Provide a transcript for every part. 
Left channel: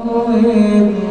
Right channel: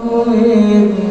عليك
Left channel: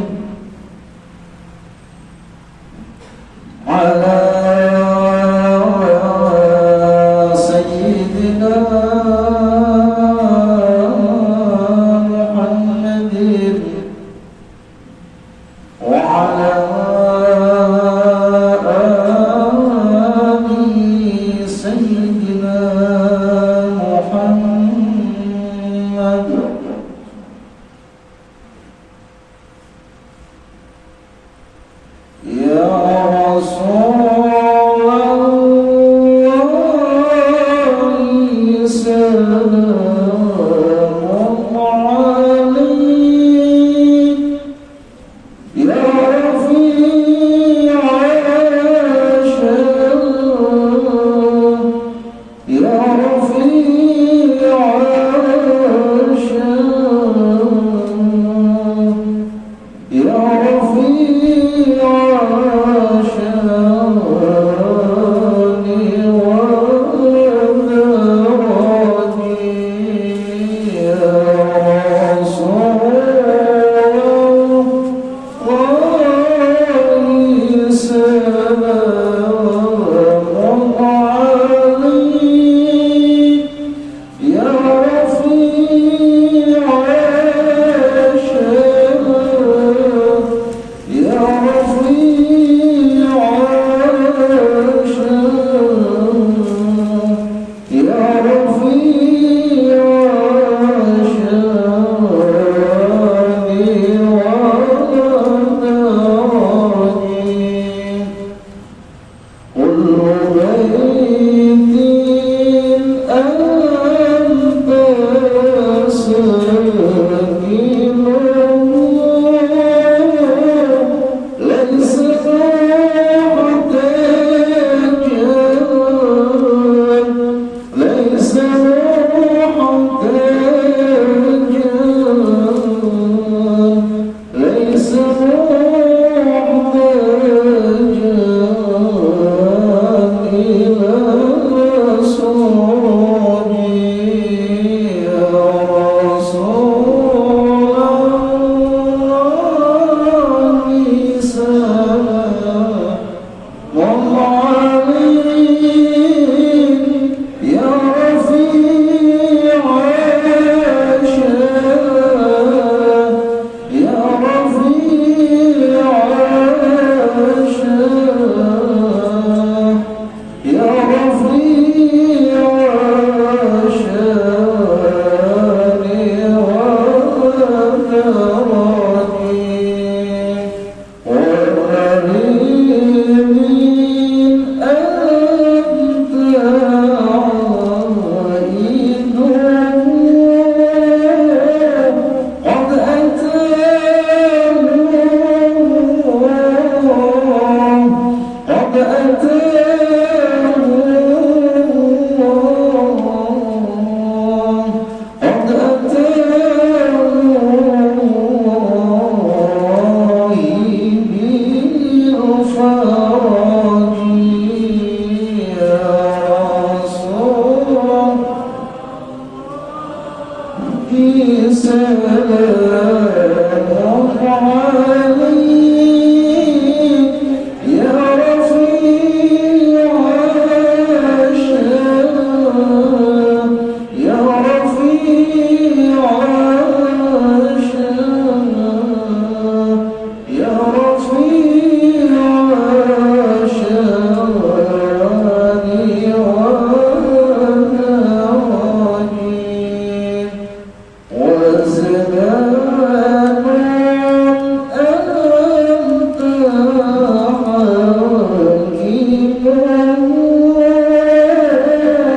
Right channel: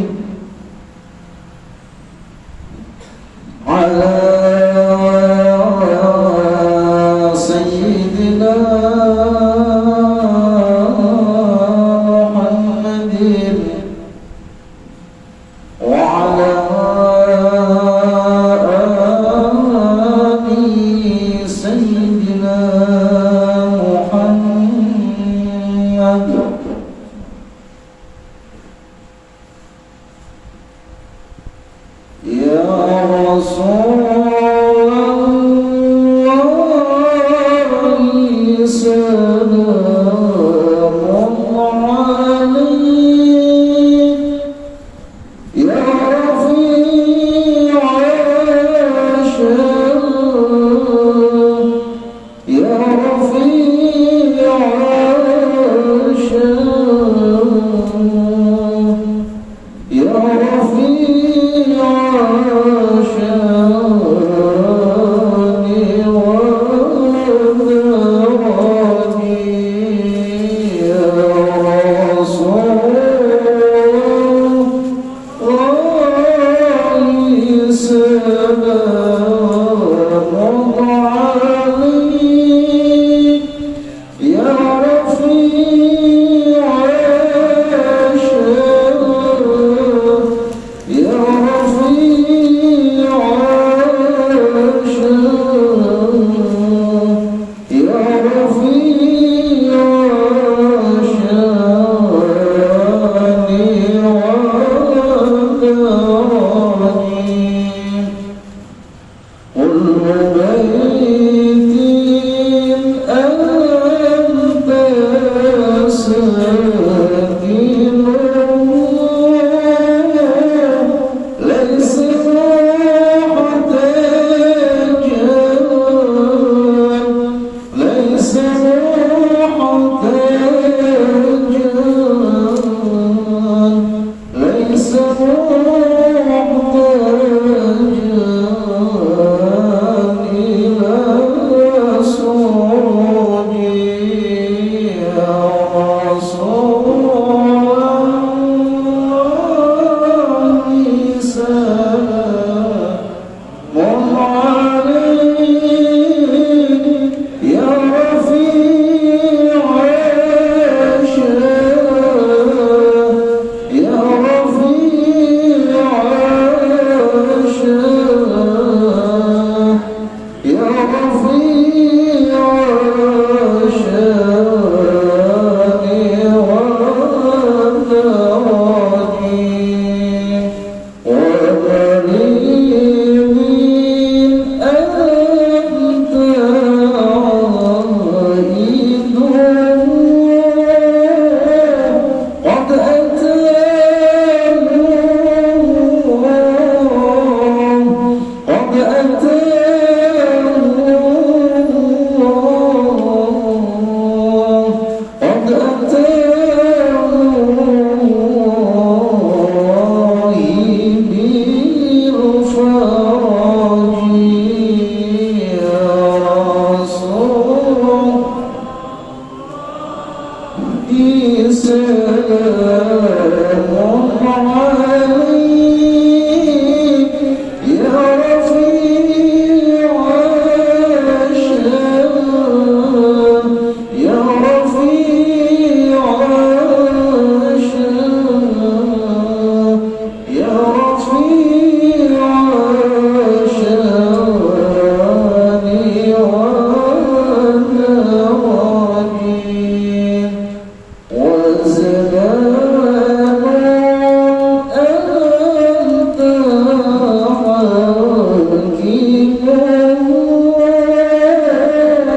يا رفيع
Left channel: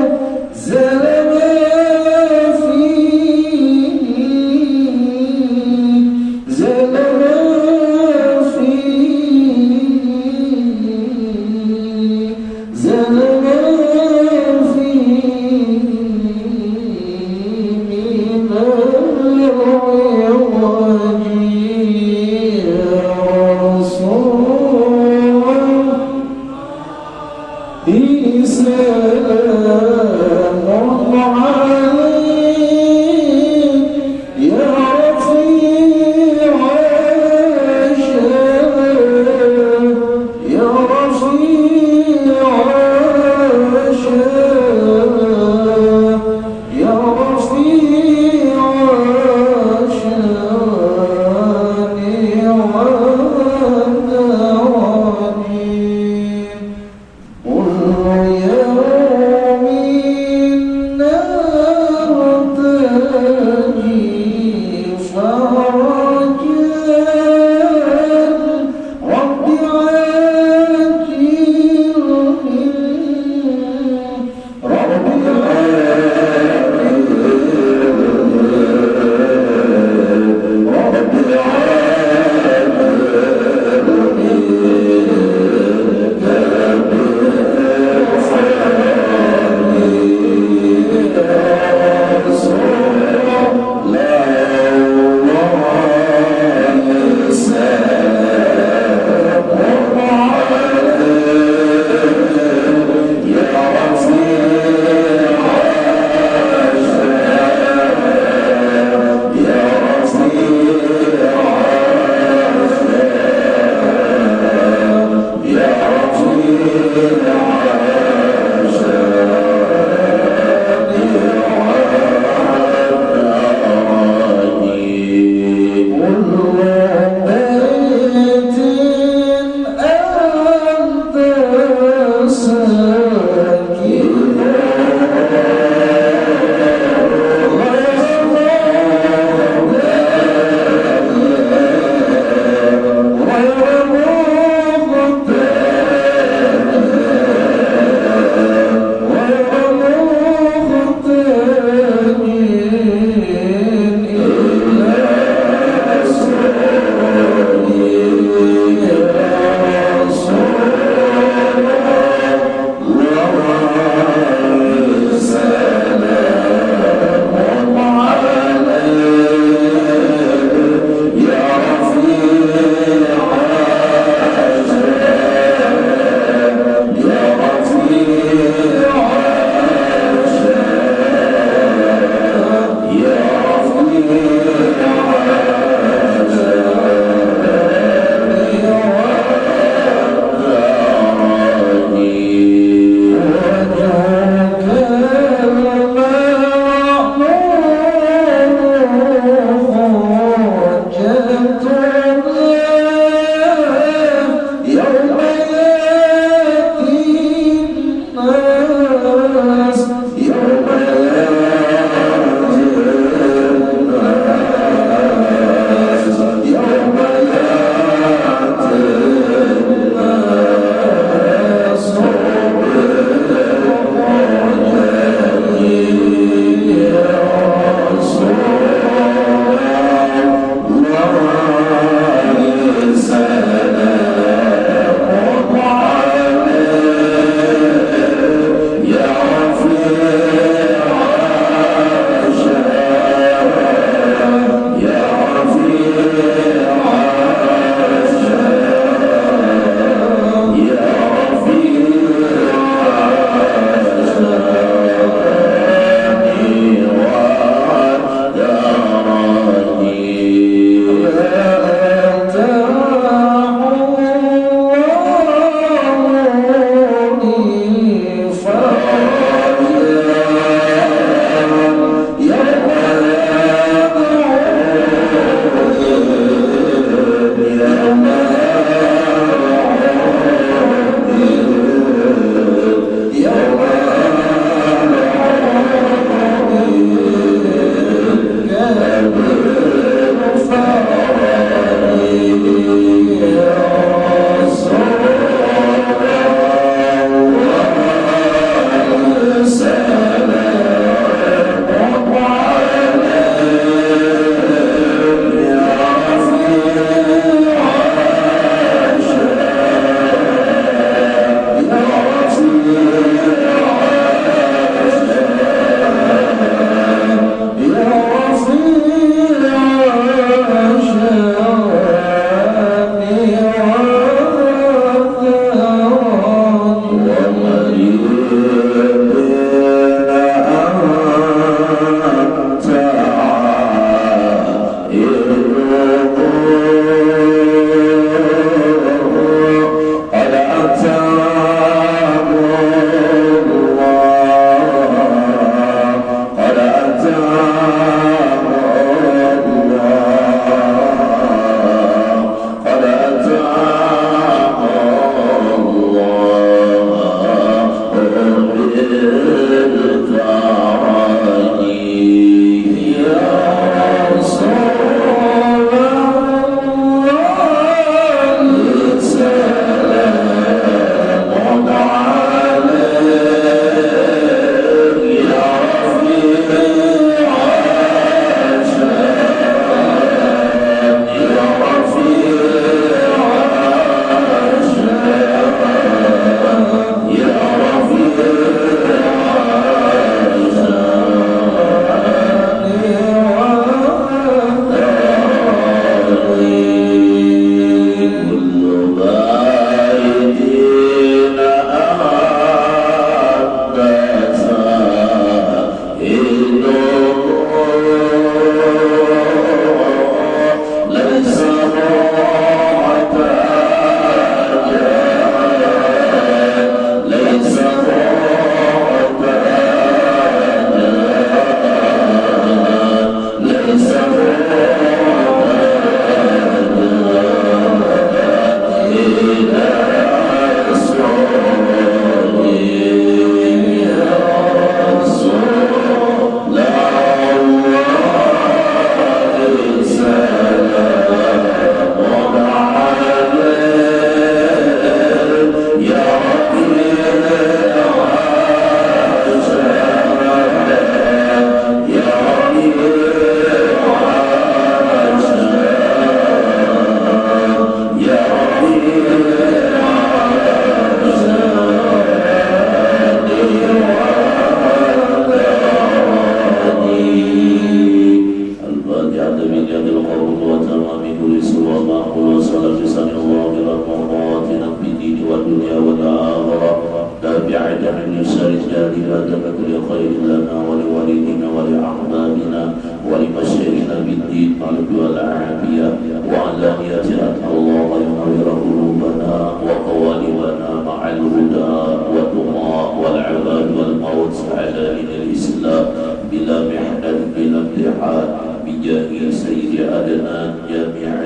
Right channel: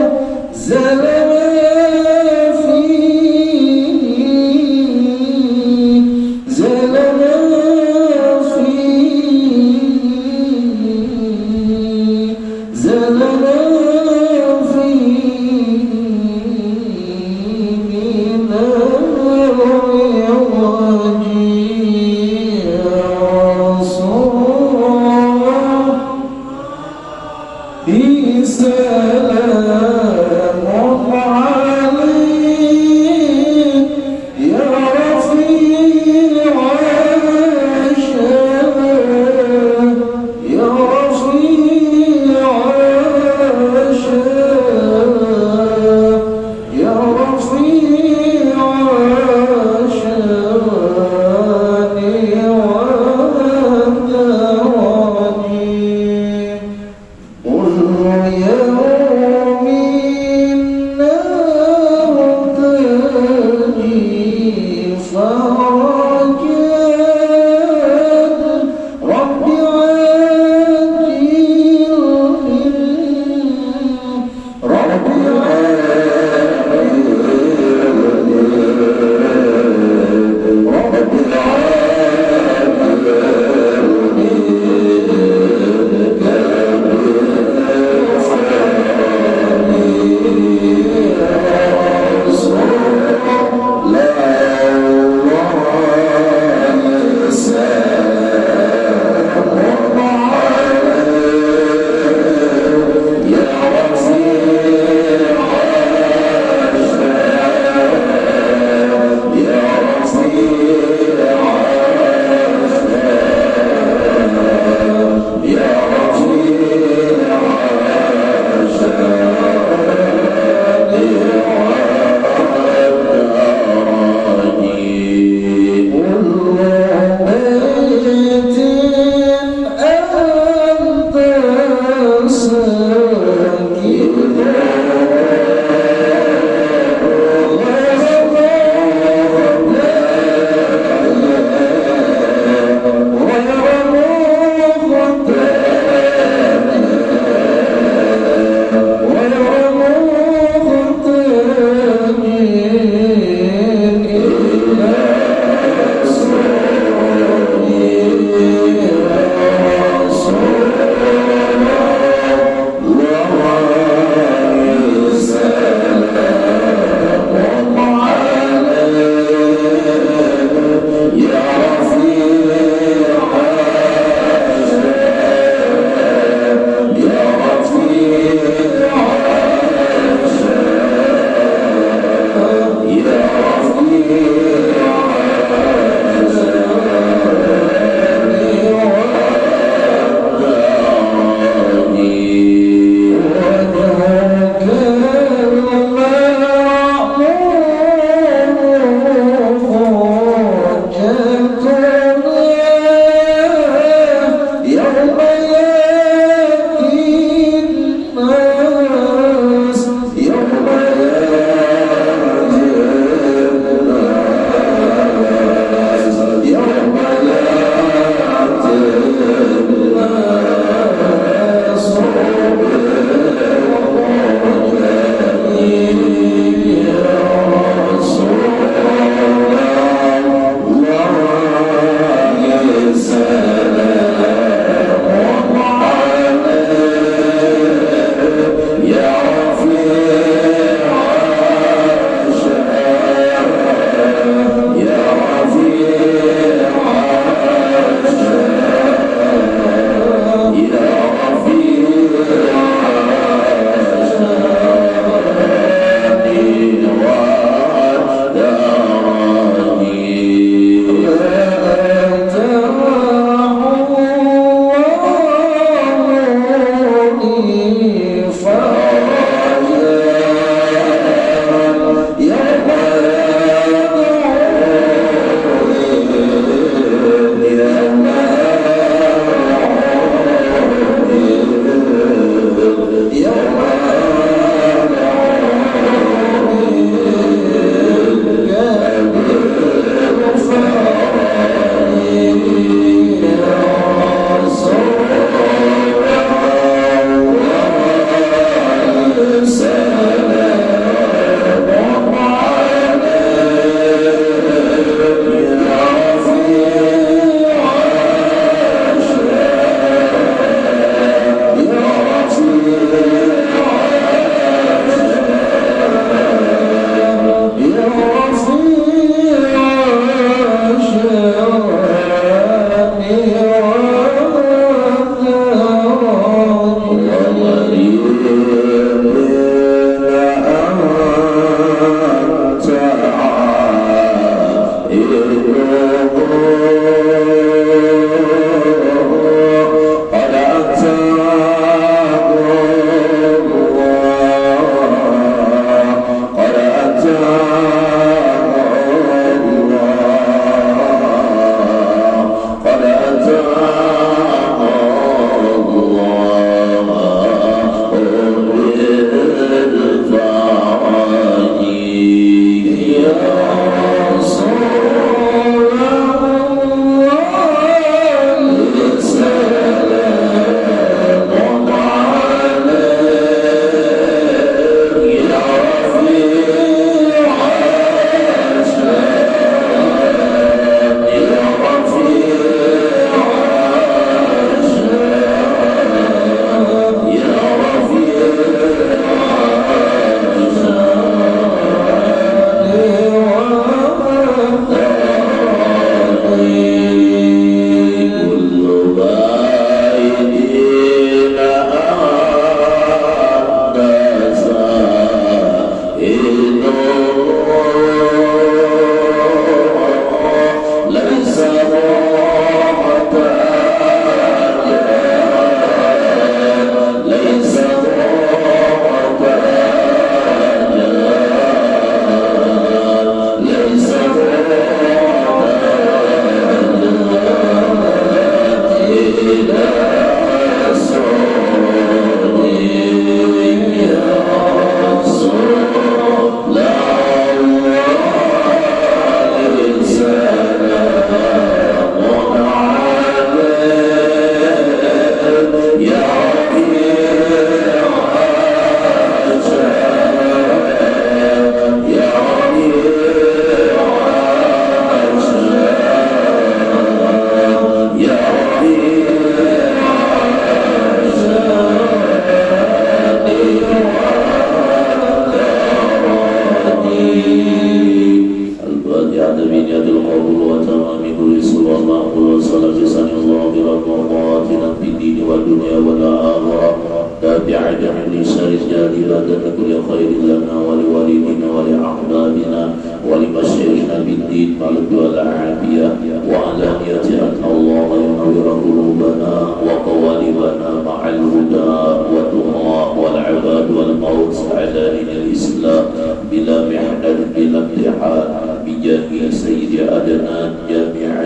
بلا محنة بلا امتحان بجاه سيد أدنان جامع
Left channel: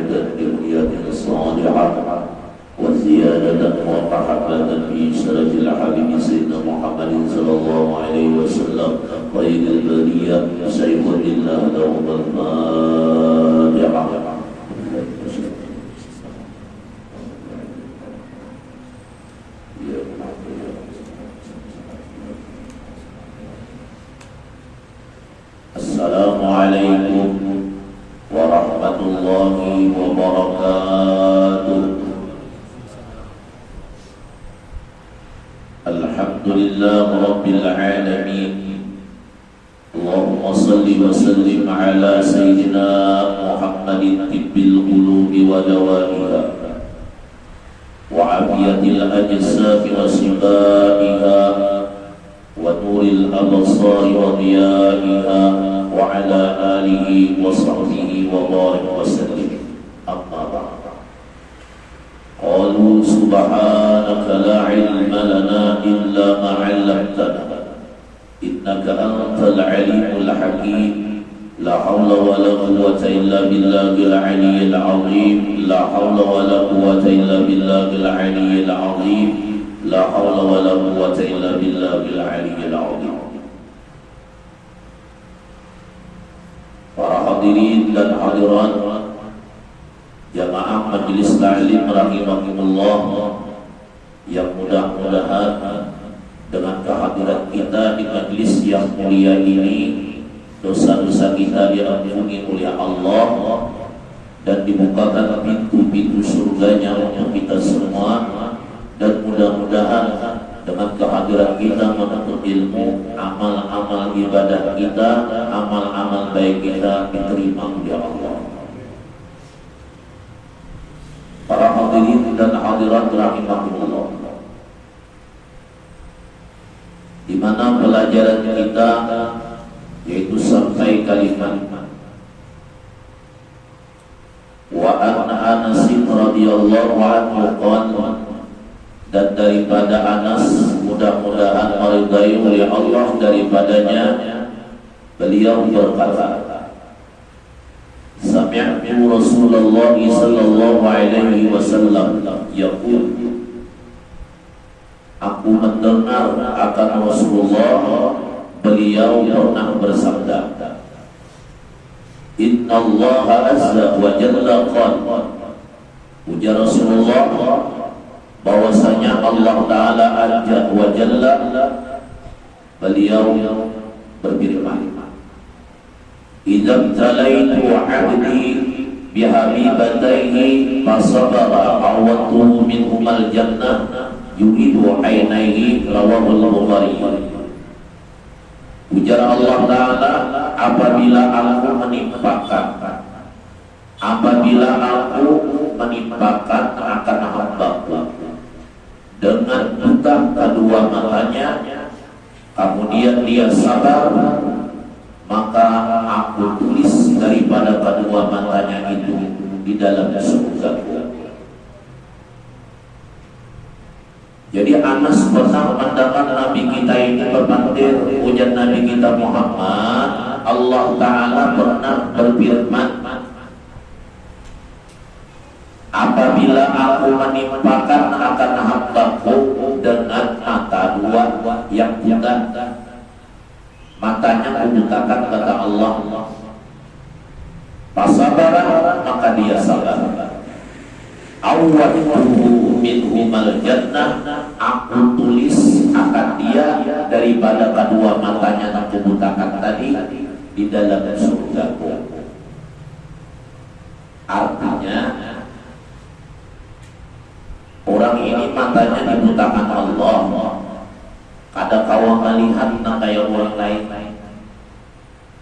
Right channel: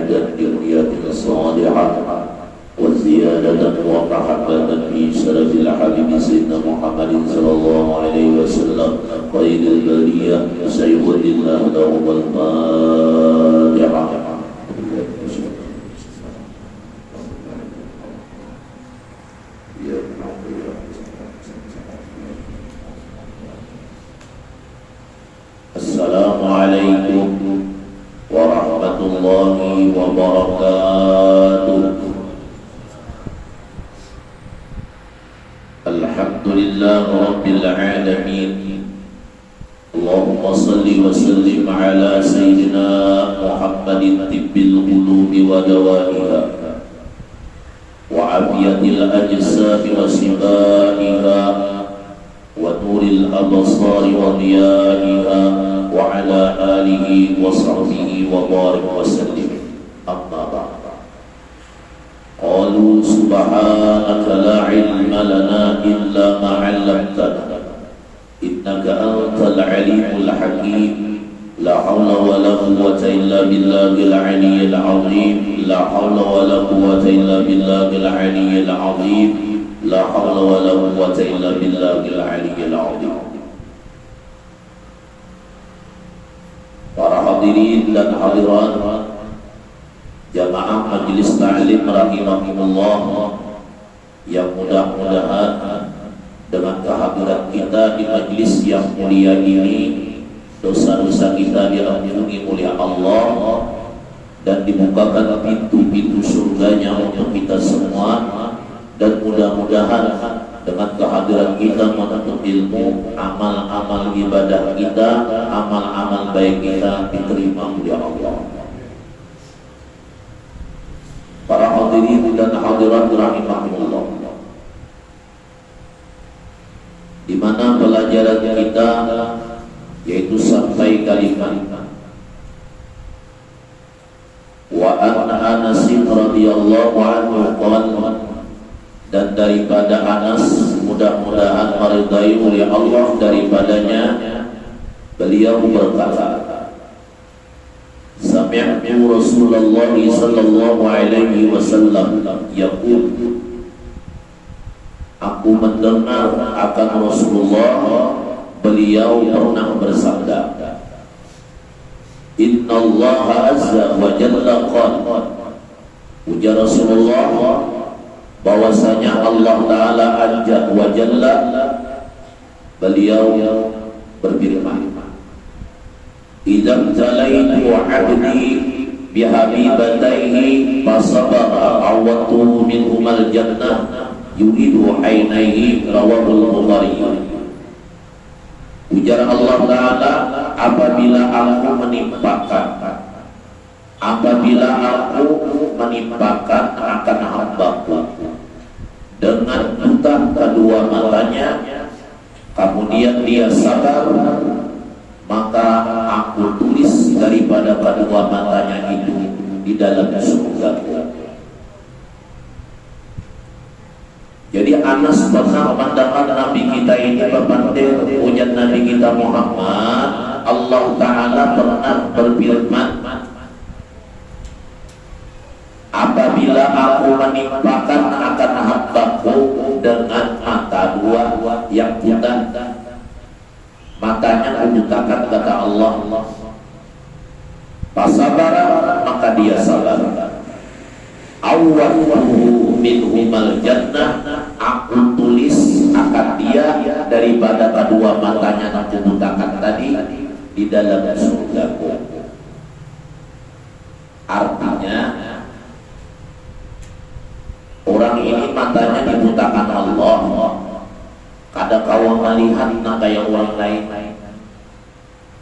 زيادة ومحبة في شرف الحبيب سيدنا محمد صلى الله عليه وسلم خير البرية سيف الله لهم الفاتحة. Assalamualaikum warahmatullahi wabarakatuh. Alhamdulillah rabbil alamin. Allahumma salli wa sallim ala sayyidina Muhammadin tibbil qulubi wa dawaiha wa afiyatil ajsami wa sibaiha wa nuril absari wa diyaiha wa ala alihi wa sahbihi wa barik wa sallim. Amma ba'd. Qalu subhanaka la ilma lana illa ma 'allamtana innaka antal alimul hakim. La hawla wa la quwwata illa billahil aliyyil azim. La hawla wa la quwwata illa billahil aliyyil azim. La hawla wa la quwwata illa billahil aliyyil azim. Para hadirin dan hadirat jamaah majelis ta'lim rahimahumullah, yang mudah-mudahan dengan kehadiran kita di majelis yang mulia ini dosa-dosa kita diampuni oleh Allah dan dibukakan pintu-pintu surganya untuk kita semua. Dan mudah-mudahan dengan kehadiran kita menuntut ilmu, amal-amal ibadah kita, amal-amal baik kita diterima oleh Allah. Para hadirin dan hadirat rahimahullah, di mana pelajaran kita yaitu sampai kalimat wa an Anas radhiyallahu anhu qala, dan daripada Anas, mudah-mudahan maridai oleh Allah daripadanya, beliau berkata, sami'tu Rasulullah sallallahu alaihi wasallam yaqul, aku mendengar akan Rasulullah, beliau pernah bersabda, inna Allah azza wa jalla qala, ujar Rasulullah bahwasanya Allah Ta'ala azza wa jalla, beliau berfirman, idam talaitu abdi bihabibataihi fasabara awatuhu minhumal jannah yuridu ainaihi, rawahul Bukhari. Ujar Allah Ta'ala, apabila aku menimpakan akan hamba-Ku dengan buta kedua matanya, kemudian dia sabar, maka aku tulis daripada kedua matanya itu di dalam surga. Jadi Anas pernah mendengar Nabi kita ini berbantir, ujar Nabi kita Muhammad, Allah Ta'ala pernah berfirman, apabila aku menimpakan akan hamba-Ku dengan mata dua yang buta, matanya kubutakan, kata Allah, pasabara, maka dia sabar, awwatuhu minhumal jannah, aku tulis akan dia daripada kedua matanya yang kubutakan tadi di dalam surga-Ku. Artinya orang ini matanya dibutakan Allah, kada kawa melihat kayak orang lain,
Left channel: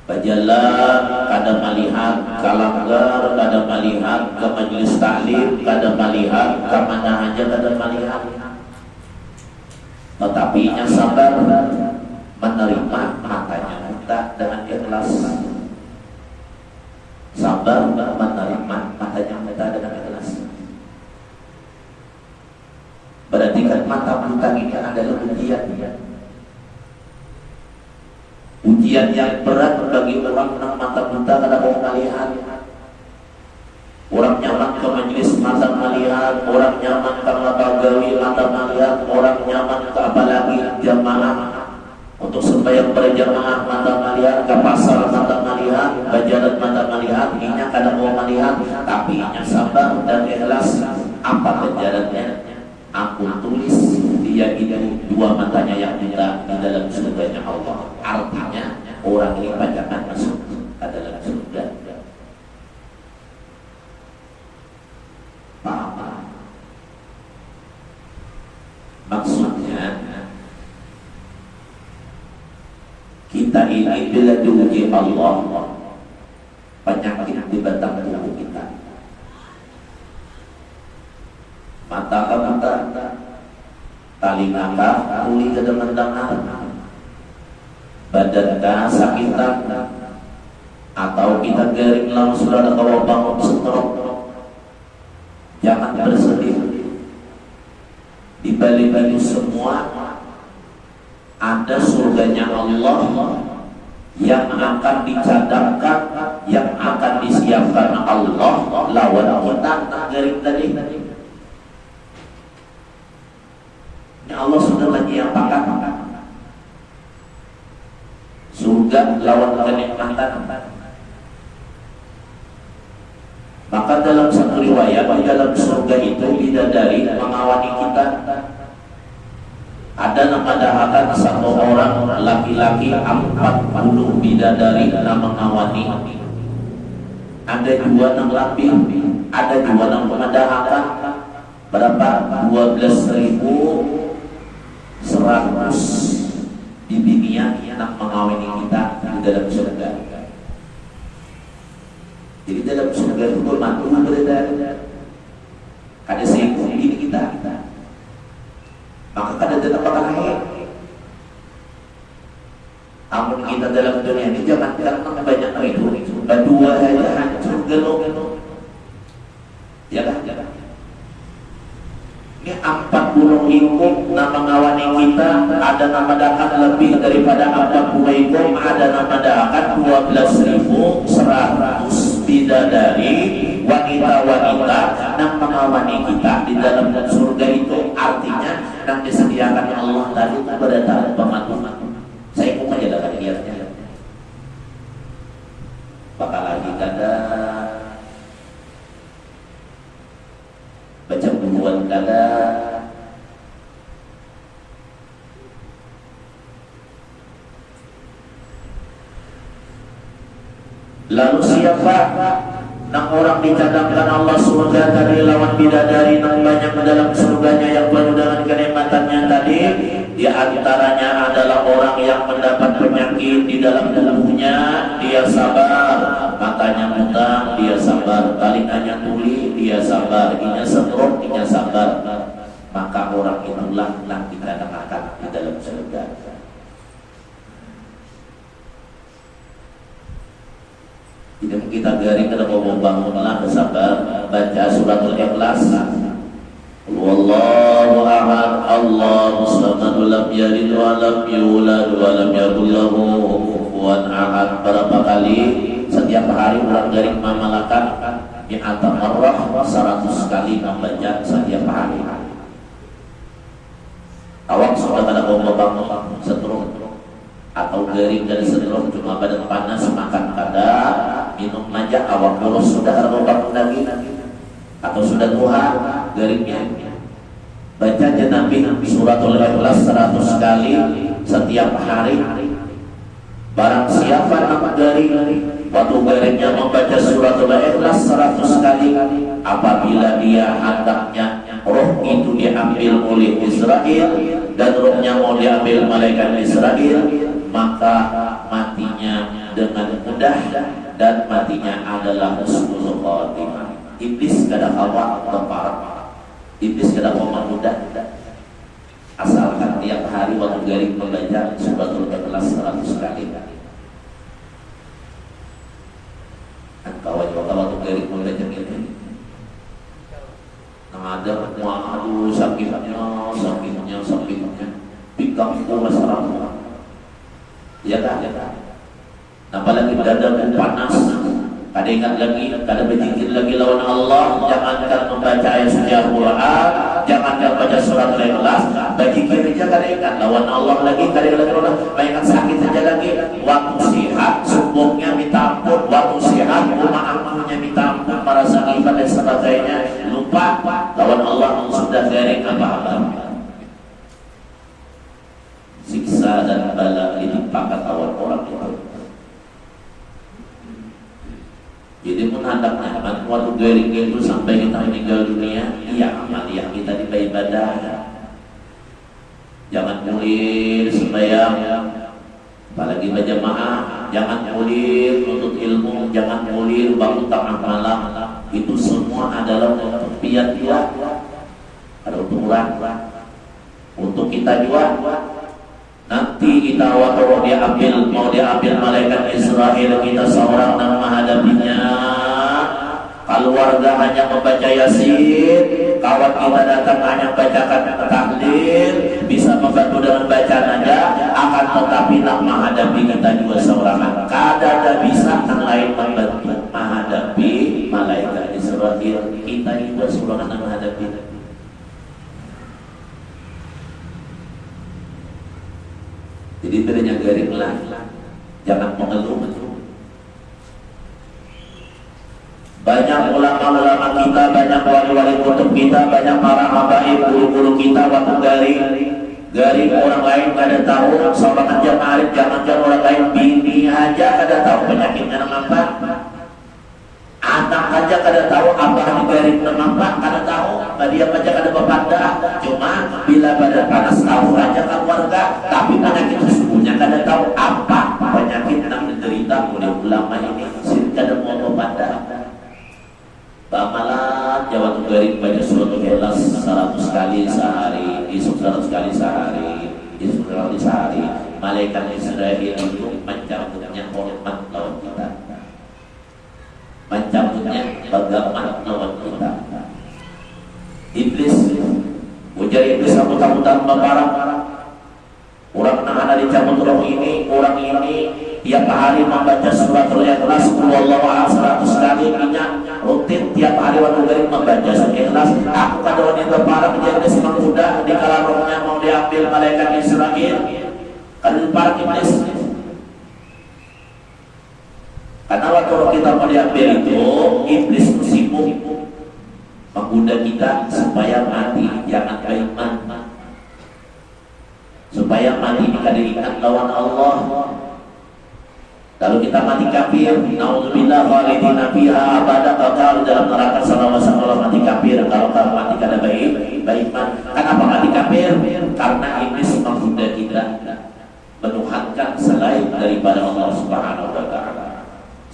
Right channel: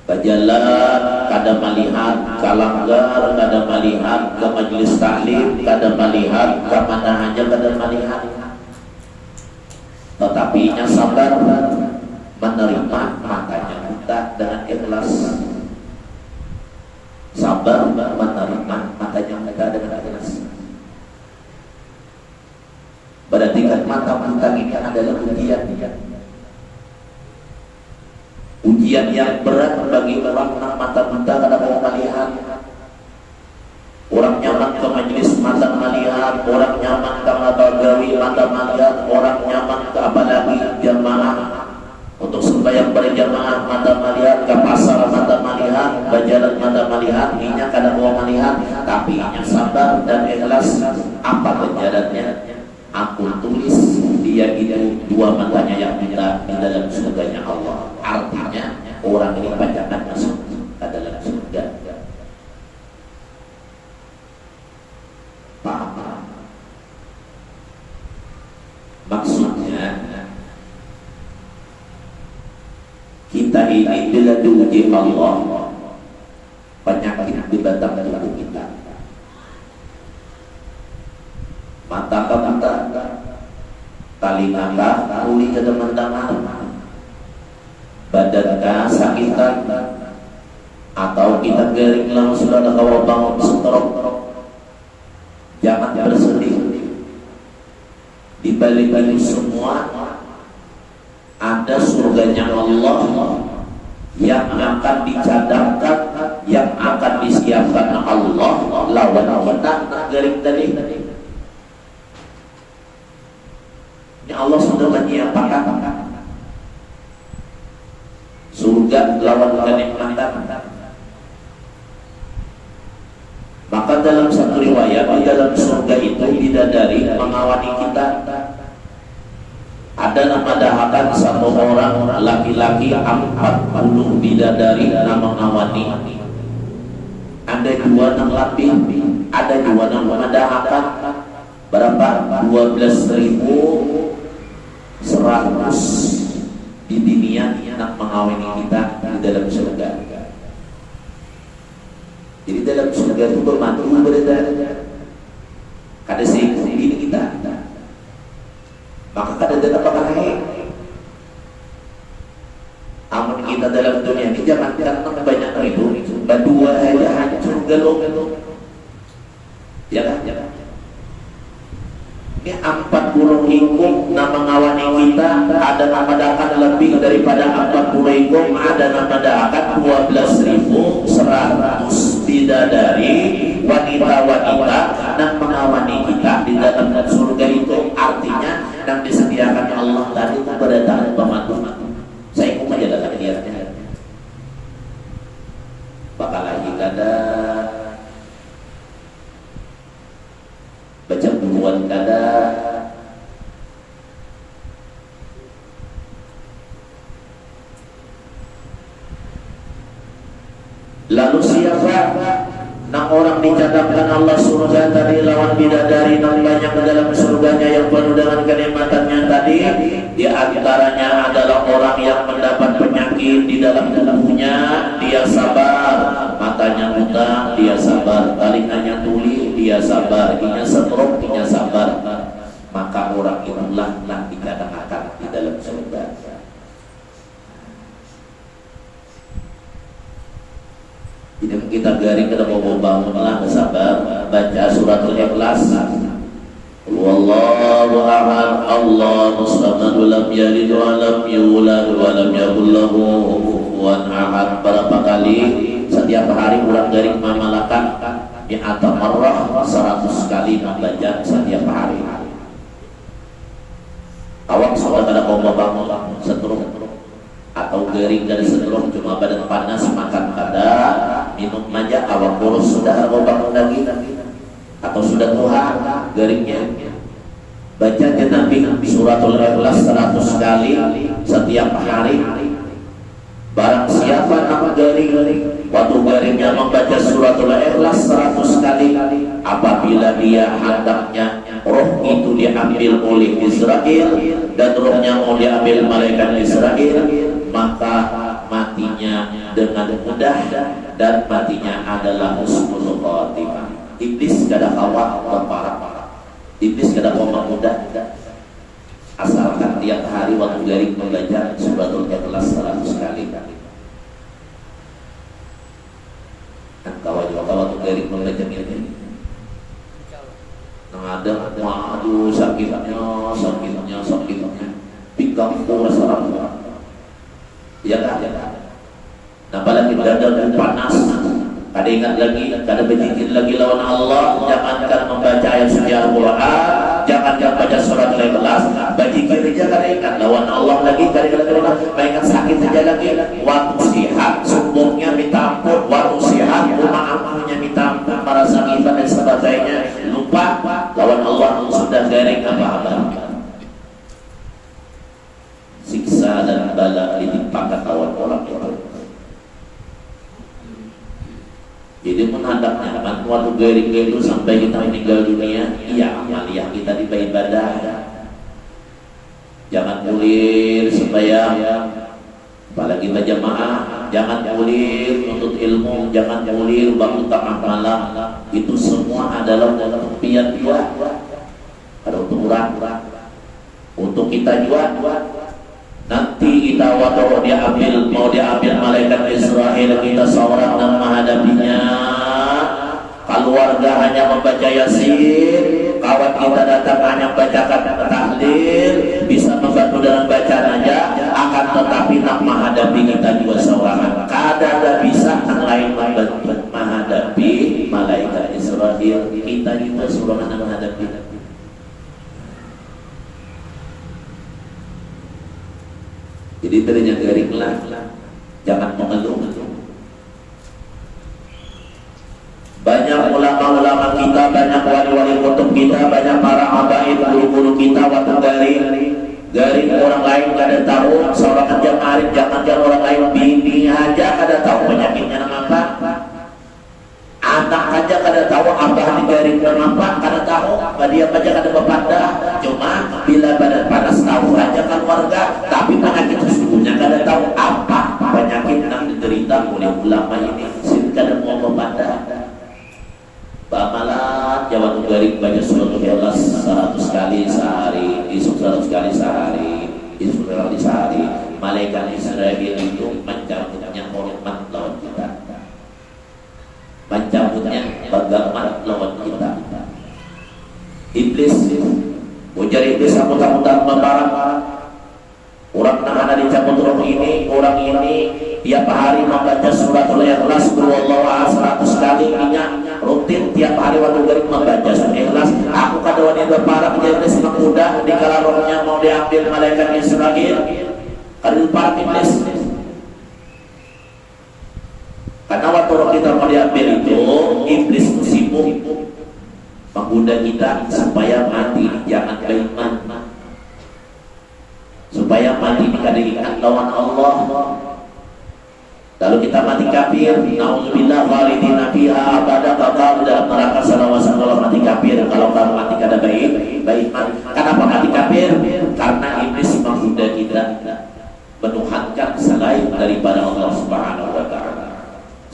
berjalan kada melihat, kalanggar kada melihat, ke majelis taklim kada melihat, ke mana aja kada melihat, tetapi nya sabar menerima matanya buta dengan ikhlas, sabar menerima matanya buta dengan ikhlas. Berarti kan mata buta ini adalah ujian yang berat bagi orang yang mata buta kada mau melihat. Orang nyaman nyaman ke majelis mata malihat, orang nyaman ke bagawi mata malihat, orang nyaman ke apalagi jamaah untuk sembahyang berjamaah mata malihat, ke pasar mata malihat, bajalan mata malihat, inya kadang mau melihat, tapi inya sabar dan ikhlas. Apa jalannya? Aku tulis dia itu dua matanya yang kita di dalam surganya Allah. Artinya orang ini bacakan masuk ke dalam surga. Paham? Maksudnya kita ini bila diuji Allah, penyakit di batang tubuh kita, mata ke mata, telinga tuli ke teman-teman, badan sakitan, atau kita garing langsung ada kawa bangun stroke. Jangan bersedih. Di balik itu semua ada surganya Allah yang akan dicadangkan, yang akan disiapkan Allah lawan kita garing tadi. Ini Allah sudah menyiapkan surga lawan kenikmatan. Maka dalam satu riwayat di dalam surga itu bidadari mengawani kita. Ada nama dahakan satu orang laki-laki 40 bidadari nama mengawani. Ada dua nang lapis, ada dua nang mengadahakan. Berapa? 12.100 di dunia nak mengawini kita di dalam surga. Jadi dalam surga itu bermantu berdadari. Ada seribu ini kita. Maka kada dalam pakai. Amun kita dalam dunia ini jangan banyak itu. Berdua saja hancur gelok. Ya kan? Ini 40 ikut nama ngawani kita, ada nama dakan lebih daripada 40 ikut, ada nama dakan 12.100 bidadari wanita-wanita yang mengawani kita di dalam surga itu. Artinya yang disediakan Allah tadi itu berdatang pematu. Saya pun aja tak lihatnya. Bakal lagi kada baca bukuan kada. Lalu siapa nang orang dicadangkan Allah surga tadi lawan bidadari nang banyak dalam surganya yang penuh dengan kenikmatannya tadi? Di antaranya adalah orang yang mendapat penyakit di dalam tubuhnya, dia sabar, matanya buta, dia sabar, telinganya tuli, dia sabar, inya stroke, inya sabar. Maka orang itulah yang dicadangkan di dalam surga. Jadi kita garing kita mau bangunlah bersabar, baca suratul Ikhlas. Wallahu a'lam, Allahu samad, lam yalid wa lam yulad wa lam yakul lahu kufuwan ahad. Berapa kali setiap hari orang garing memalakan di atas marrah 100 kali membaca setiap hari. Awak soal kada mau bangun setruk atau garing dari setruk cuma badan panas makan kada, minum aja awak boros sudah mau bangun lagi atau sudah tuhan garingnya. Baca Nabi suratul Ikhlas 100 kali setiap hari. Barang siapa nak garing waktu garingnya membaca suratul Ikhlas 100 kali, apabila dia hendaknya roh itu diambil oleh Israel dan rohnya mau diambil malaikat Israel, maka matinya dengan mudah dan matinya adalah husnul khatimah. Iblis kada kawa berparah. Iblis kada kawa mudah. Asalkan tiap hari waktu garing membaca suratul Ikhlas 100 kali. Kawan juga waktu garing membaca ini. Ada waduh sakitnya, pinggang kurang sarang. Ya kan? Apalagi berada panas, kada ingat lagi, kada berzikir lagi lawan Allah, jangankan membaca ayat suci Al-Quran, jangankan baca surat Al-Ikhlas, berzikir aja kada ingat lawan Allah lagi, kada ingat Allah, ingat sakit saja lagi. Waktu sehat, subuhnya minta ampun, waktu sehat, rumah-rumahnya minta ampun, merasa ibadah dan sebagainya, lupa lawan Allah sudah garing apa-apa. Siksa dan bala ditimpakan lawan orang itu. Jadi menghadapnya waktu garing itu sampai kita meninggal dunia, iya amaliyah kita di ibadah. Jangan kulir sembahyang, apalagi berjamaah, jangan kulir untuk ilmu, jangan kulir bangun tengah malam. Itu semua adalah ketepian juga. Ada untuk orang, untuk kita juga. Nanti kita waktu mau diambil malaikat Israel, kita seorang yang menghadapinya. Keluarga hanya membaca Yasin, kawan kita datang hanya bacakan tahlil, bisa membantu dalam bacaan aja, akan tetapi nak menghadapi kita juga seorang. Kada bisa yang lain membantu menghadapi malaikat Israel. Kita juga seorang yang menghadapi. Jadi ternyata garinglah, jangan mengeluh. Banyak ulama-ulama kita, banyak wali-wali kutub kita, banyak para habaib, guru-guru kita waktu garing orang lain kada tahu, seorang aja marif, jangan orang lain bini aja kada tahu penyakitnya apa. Anak aja kada tahu abah di garing kenapa, kada tahu. Dia aja kada berpanda. Cuma bila badan panas tahu aja keluarga, tapi penyakit sesungguhnya kada tahu apa penyakit yang diderita oleh ulama ini. Kada mau berpanda. Bamalah jawab garing baca surat Al-Ikhlas 100 kali sehari, 100 kali sehari, 100 kali sehari. Malaikat Israel itu mencabutnya hormat lawan kita. Mencabutnya bagaimana lawan kita. Iblis, ujar iblis sambutan membarang. Orang yang ada dicabut roh ini, orang ini tiap hari membaca surat Al-Ikhlas, Wallahu a'lam 100 kali, minyak rutin tiap hari waktu garing membaca surat Ikhlas. Aku kada wani berparah menjadi semak muda di kala rohnya mau diambil malaikat Israel. Kada parah iblis. Karena waktu roh kita mau diambil itu, iblis sibuk menggoda kita supaya mati jangan beriman, supaya mati kada ingat lawan Allah. Kalau kita mati kafir, naudzubillah khalidina fiha abada, kekal dalam neraka selama-lamanya mati kafir. Kalau mati kada beriman, kenapa mati kafir? Karena iblis menggoda kita menuhankan selain daripada Allah Subhanahu wa taala.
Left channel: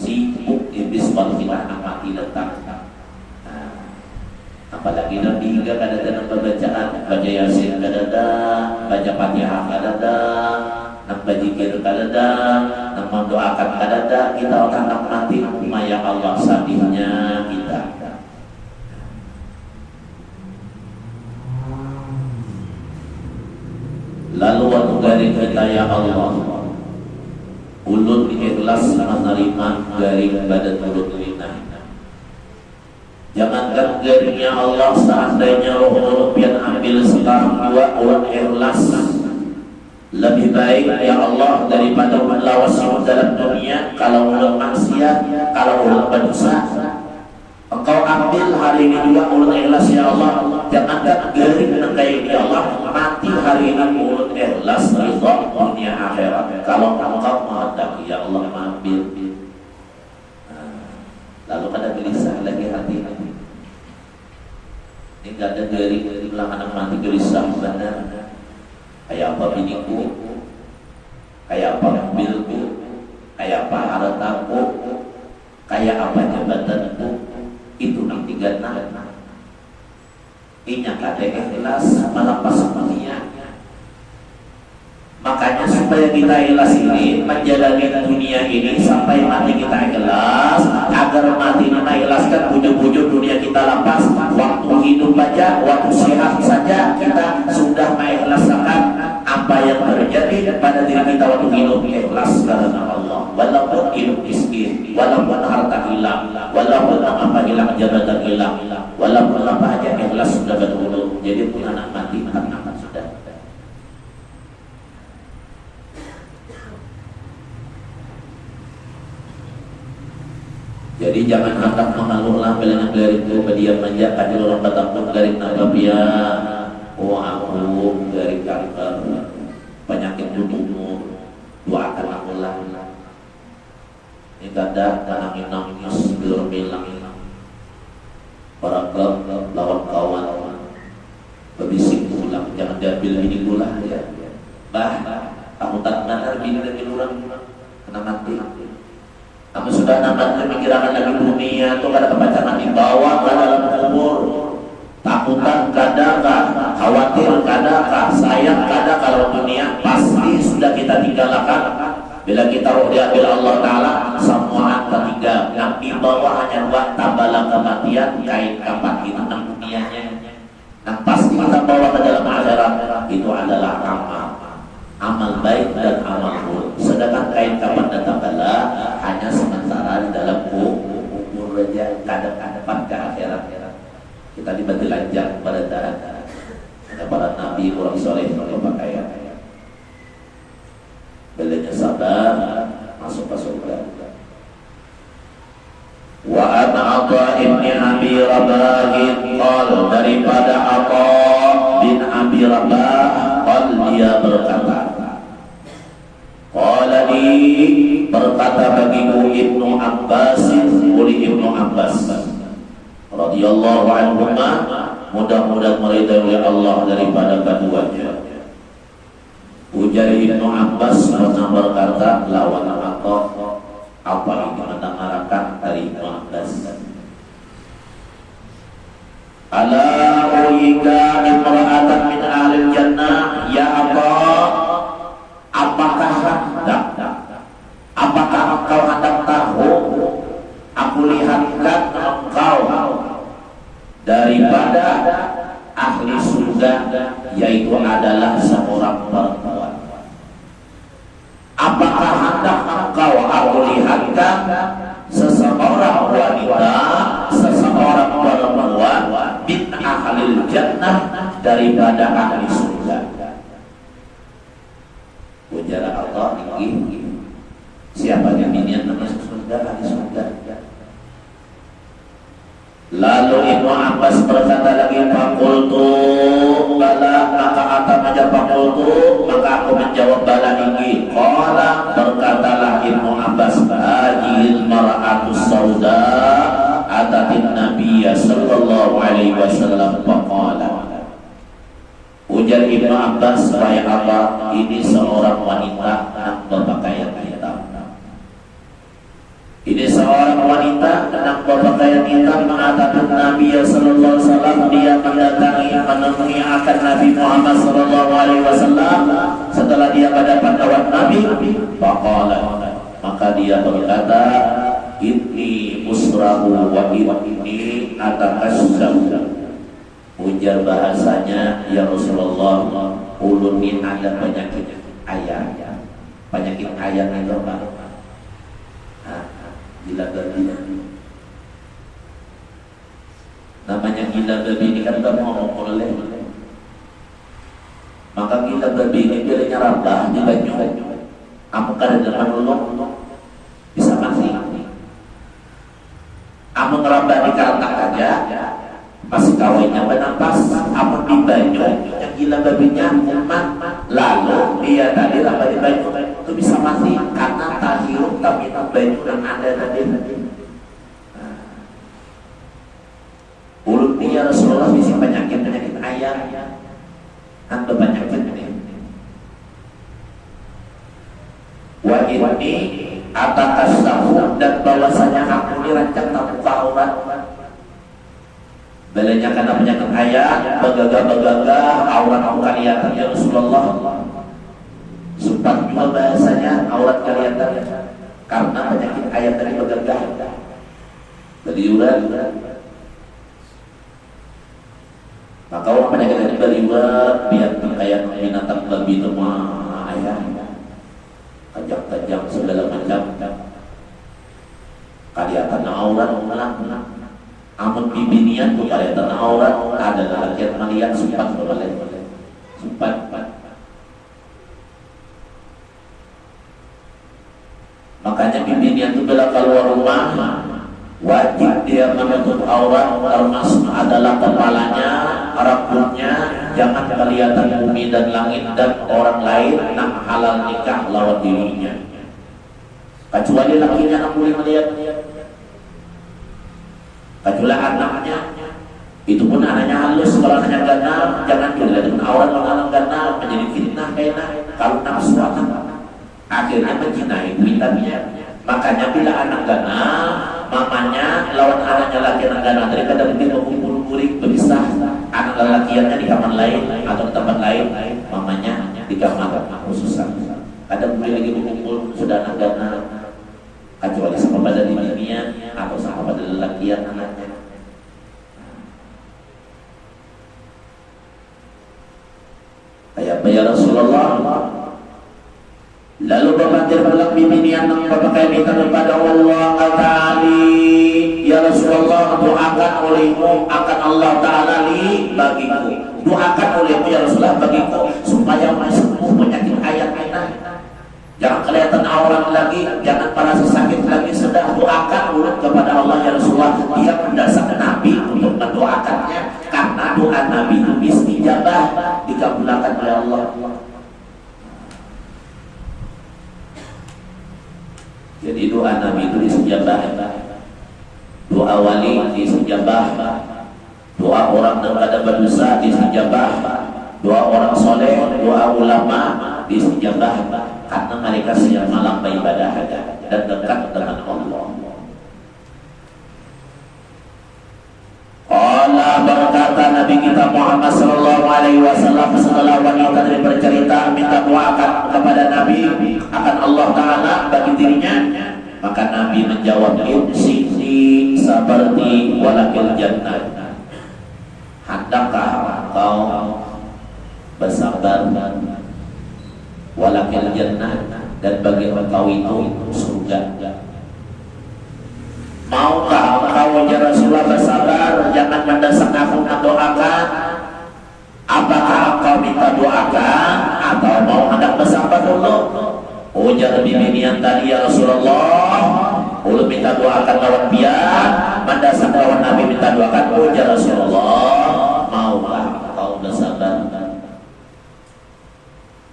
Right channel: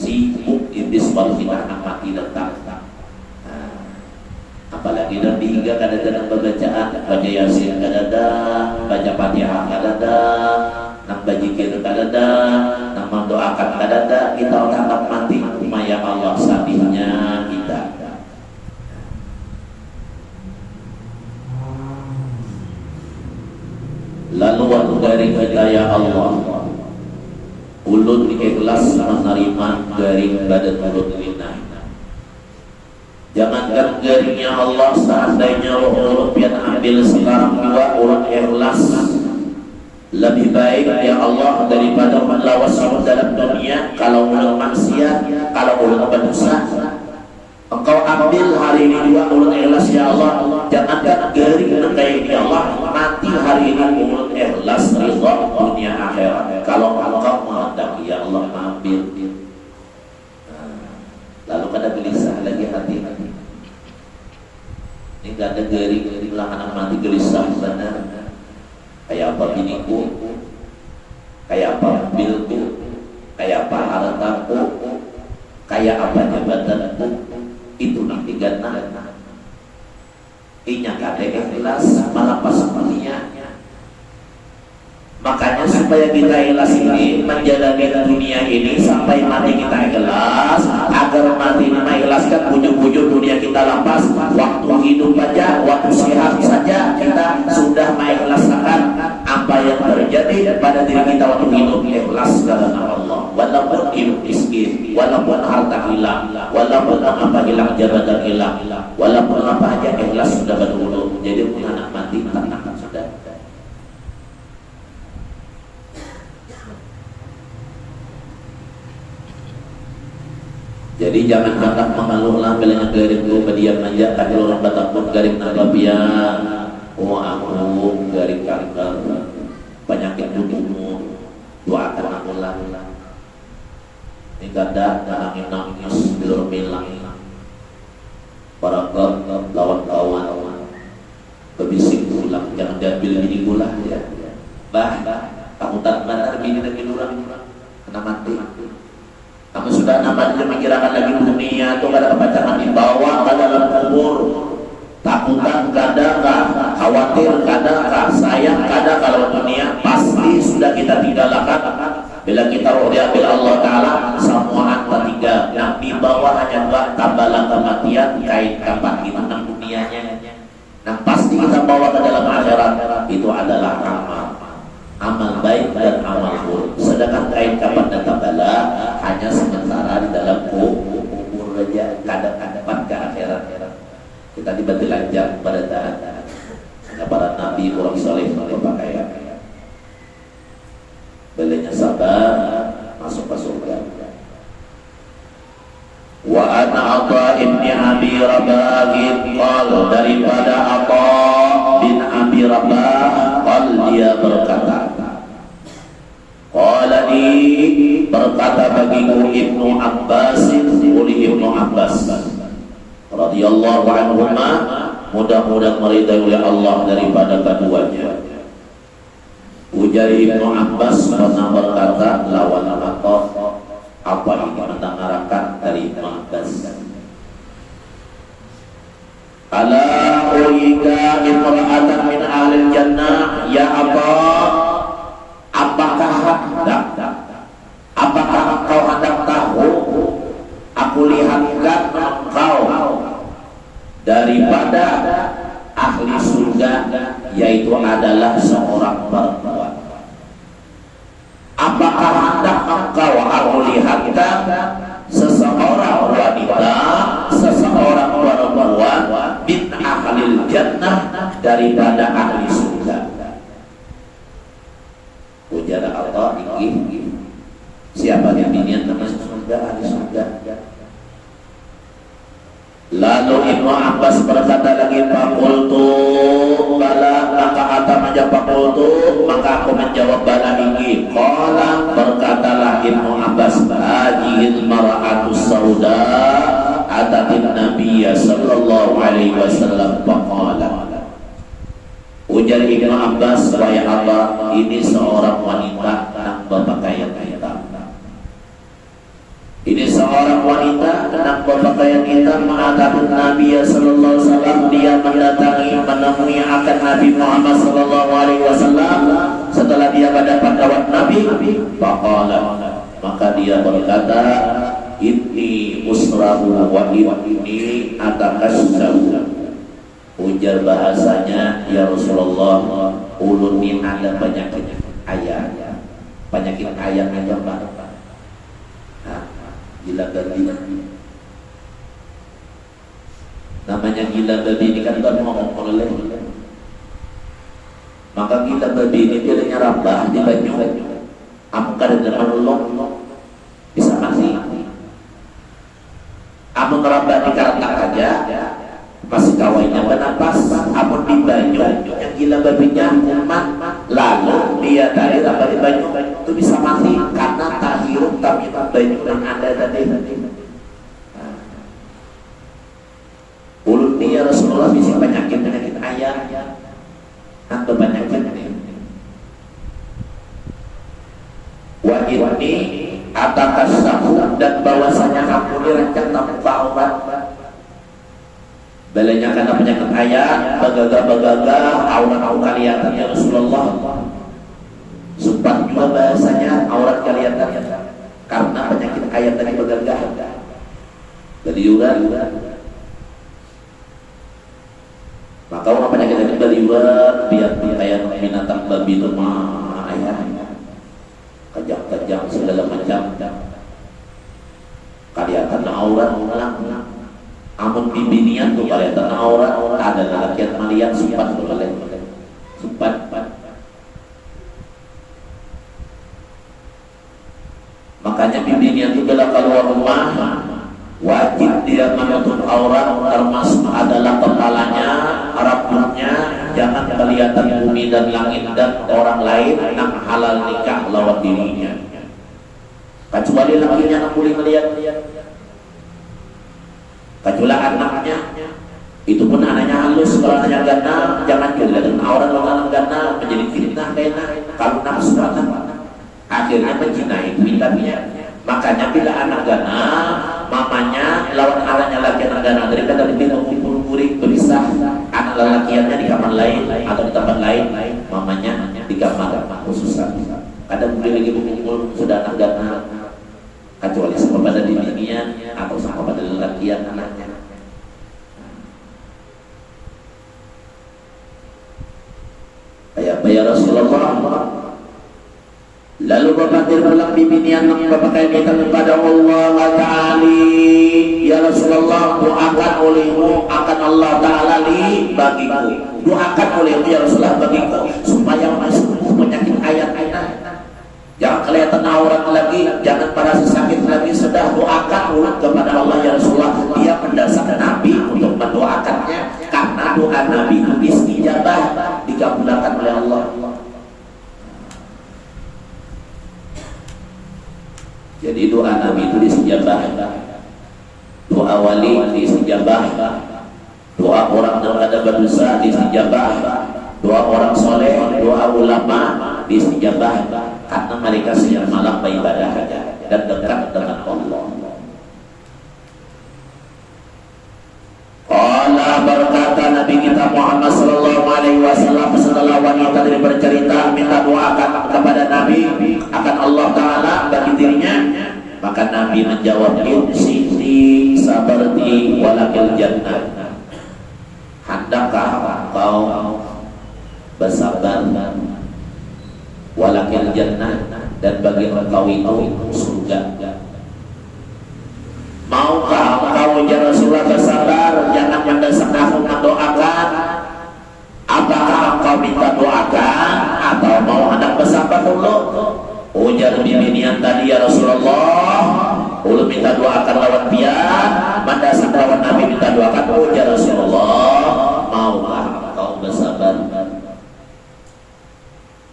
Sibuk iblis kalau kita akan mati datang. Apalagi Nabi hingga kadang-kadang bacaan, baca Yasin kadang-kadang, baca Fatihah kadang-kadang, nak berzikir kadang-kadang, nak mendoakan kadang-kadang, kita akan mati. Maya Allah sabihnya kita. Lalu waktu dari hidayah Allah, ulun ikhlas menerima dari badan mulut lidah. Jangankan garingnya Allah, seandainya roh yang ambil sekarang juga orang ikhlas lebih baik ya Allah daripada melawas dalam dunia. Kalau orang maksiat, kalau orang berdosa, Engkau ambil hari ini juga mulut ikhlas ya Allah. Jangankan garing kayak ini Allah, mati hari ini mulut ikhlas ridha dunia akhirat. Kalau Engkau menghendaki ya Allah ambil. Lalu kada gelisah lagi hati. Ini gak ada garing lah anak nanti gelisah sana. Kayak apa biniku, kayak apa mobilku, kayak apa hartaku, kayak apa jabatanku. Itu nanti gana. Inya kada ikhlas malah pasangannya. Makanya supaya kita ikhlas ini menjalani dunia ini sampai mati kita ikhlas, agar mati kita ikhlaskan bujuk-bujuk dunia kita lepas. Waktu hidup aja, waktu sehat saja kita sudah mengikhlaskan apa yang terjadi pada diri kita waktu hidup. Ikhlas karena Allah, walaupun hidup miskin, walaupun harta hilang, walaupun apa aja ikhlas sudah berwudu. Jadi pun anak mati tenang sudah. Jadi jangan hendak mengeluhlah bilangnya garing itu bediam aja kalau orang kata pun garing apa dia. Oh aku garing kanker penyakit tubuhmu doakan aku lah. Ini kada nangis bilur bilang para lawan kawan berbisik pulang jangan diambil ini pula ya. Kamu tak benar gini lagi orang kena mati. Kamu sudah namanya mikirkan lagi dunia tuh kada kepacaran di bawah kada dalam kubur. Takutan kadakah, khawatir kadakah, sayang kadakah kalau dunia pasti sudah kita tinggalkan. Bila kita roh diambil Allah Ta'ala semua tiga yang di bawah hanya dua tambalan kematian kait kapan itu dunianya yang pasti kita bawa ke dalam akhirat itu adalah amal baik dan amal buruk. Sedangkan kait kapan dan tambalan hanya sementara di dalam kubur saja kadang-kadang ke akhirat. Kita diberi lanjut pada para nabi orang soleh berpakaian belinya sabar masuk ke surga. Wa ana Atha ibni Abi Rabah qal daripada Atha bin Abi Rabah qal dia berkata qala di berkata bagiku Ibnu Abbas oleh Ibnu Abbas radhiyallahu anhuma mudah-mudahan meridai oleh Allah daripada keduanya. Ujar Ibnu Abbas pernah berkata lawan Atha apa ini mendengarkan dari Ibnu Abbas. Ala urika imra'atan min ahlil jannah ya Atha, apakah engkau hendak tahu aku lihatkan engkau daripada ahli surga yaitu adalah seorang perempuan. Apakah hendak engkau aku lihatkan seseorang wanita, seseorang perempuan bin ahlil jannah daripada ahli surga? Ujar Allah tinggi. Siapa yang binian termasuk surga ahli surga? Lalu Ibnu Abbas berkata lagi fakultu bala, maka Atam aja fakultu maka aku menjawab bala ini. Qala berkatalah Ibnu Abbas hadhil mar'atu sauda atatin nabiyya sallallahu alaihi wasallam faqala. Ujar Ibnu Abbas wahai Allah ini seorang wanita yang berpakaian hitam. Ini seorang wanita yang berpakaian hitam mengatakan Nabi sallallahu alaihi wasallam dia mendatangi menemui akan Nabi Muhammad sallallahu alaihi wasallam setelah dia mendapat kawan Nabi faqala maka dia berkata inni usrahu wa inni atakassahu. Ujar bahasanya ya Rasulullah ulun min ayat penyakit ayatnya itu apa? Gila babi. Namanya gila babi ini kan bukan ngomong oleh. Maka gila babi ini pilihnya rabah di baju. Amkar dengan Allah bisa mati. Amun rabah di karantak aja masih kawinnya bernapas. Amun di baju yang gila babinya umat lalu dia tadi rabah di baju itu bisa mati karena tahirum kami baju yang ada tadi. Ulun dia Rasulullah bisa penyakit ayah atau penyakit ini. Wa ini atakassahu dan bahwasanya aku dirancang tak aurat. Balanya karena penyakit ayah bagagah aurat kelihatan ya Rasulullah. Sumpah juga bahasanya aurat kelihatan karena penyakit ayat dari begagah dari urat. Maka orang penyakit dari urat biar kayak binatang babi lemah ayah kejang-kejang segala macam kelihatan aurat amun bibinian tuh kelihatan aurat adalah laki melihat sempat boleh sempat. Makanya bibirnya itu bila keluar rumah wajib dia menutup aurat, termasuk adalah kepalanya, rambutnya, jangan kelihatan bumi dan langit dan orang lain nak halal nikah lawan dirinya. Kecuali lakinya nak boleh melihat, kecuali anaknya. Itu pun anaknya halus, kalau anaknya ganal jangan dilihat aurat orang ganal, menjadi fitnah kayaknya kalau nafsu akan akhirnya mencintai wilayahnya. Makanya bila anak ganal, mamanya lawan anaknya laki anak ganal, daripada lebih mengumpul murid berisah anak lelakiannya di kamar lain atau di tempat lain, mamanya di kamar khususan. Kadang boleh lagi berkumpul sudah anak ganal, kecuali sama pada dirinya atau sama pada lelakian anaknya. Kayak ya Rasulullah. Lalu berpatir pulang bibini anak berpakai minta kepada Allah Ta'ala, ya Rasulullah, doakan olehmu akan Allah Ta'ala li bagiku, doakan olehmu ya Rasulullah bagiku supaya sembuh penyakit ayat-ayat, jangan kelihatan aurat lagi, jangan merasa sakit lagi, sudah doakan ulang kepada Allah ya Rasulullah. Dia mendesak Nabi untuk mendoakannya, karena doa Nabi itu istijabah, dikabulkan oleh Allah. Jadi doa Nabi itu disejabah, doa wali disejabah, doa orang yang ada berdosa disejabah, doa orang soleh, doa ulama disejabah, karena mereka siang malam beribadah dan dekat dengan Allah. Allah berkata Nabi kita Muhammad sallallahu alaihi wasallam setelah wanita ini bercerita minta doakan kepada Nabi akan Allah Ta'ala bagi dirinya, maka Nabi menjawab siti sabarti walakil jannah, hendakkah kau bersabar walakil jannah, dan bagi engkau itu surga. Maukah engkau ya Rasulullah bersabar, jangan mendesak aku mendoakan? Apakah engkau minta doakan atau mau hendak bersabar dulu? Ujar bibinian tadi ya Rasulullah, ulu minta doakan lawan biar, mendesak lawan Nabi minta doakan. Ujar Rasulullah, maukah engkau bersabar?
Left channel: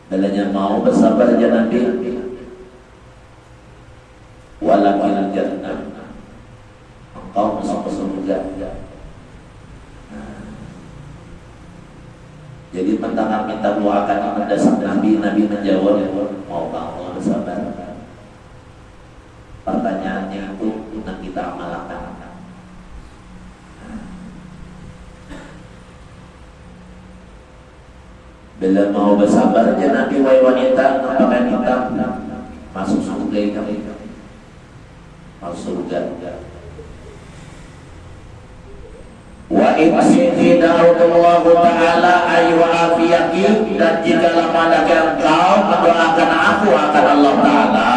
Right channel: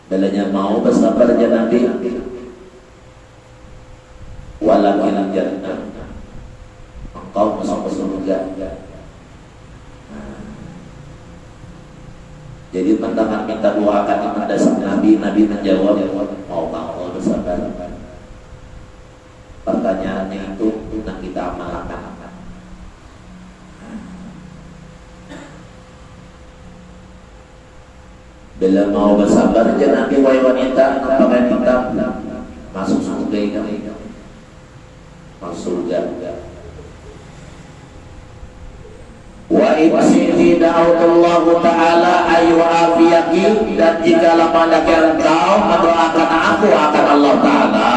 Belanya mau bersabar aja Nabi, walakil jannah, engkau masuk ke surga. Jadi pentangan minta doakan mendesak Nabi, Nabi menjawab, mau engkau bersabar? Pertanyaannya itu yang kita amalkan. Bila mau bersabar aja Nabi wahai wanita, pakai hitam masuk surga kan? Masuk surga. Wa in da'allahu ta'ala ayu afiyaki, dan jika pada engkau mendoakan aku akan Allah Ta'ala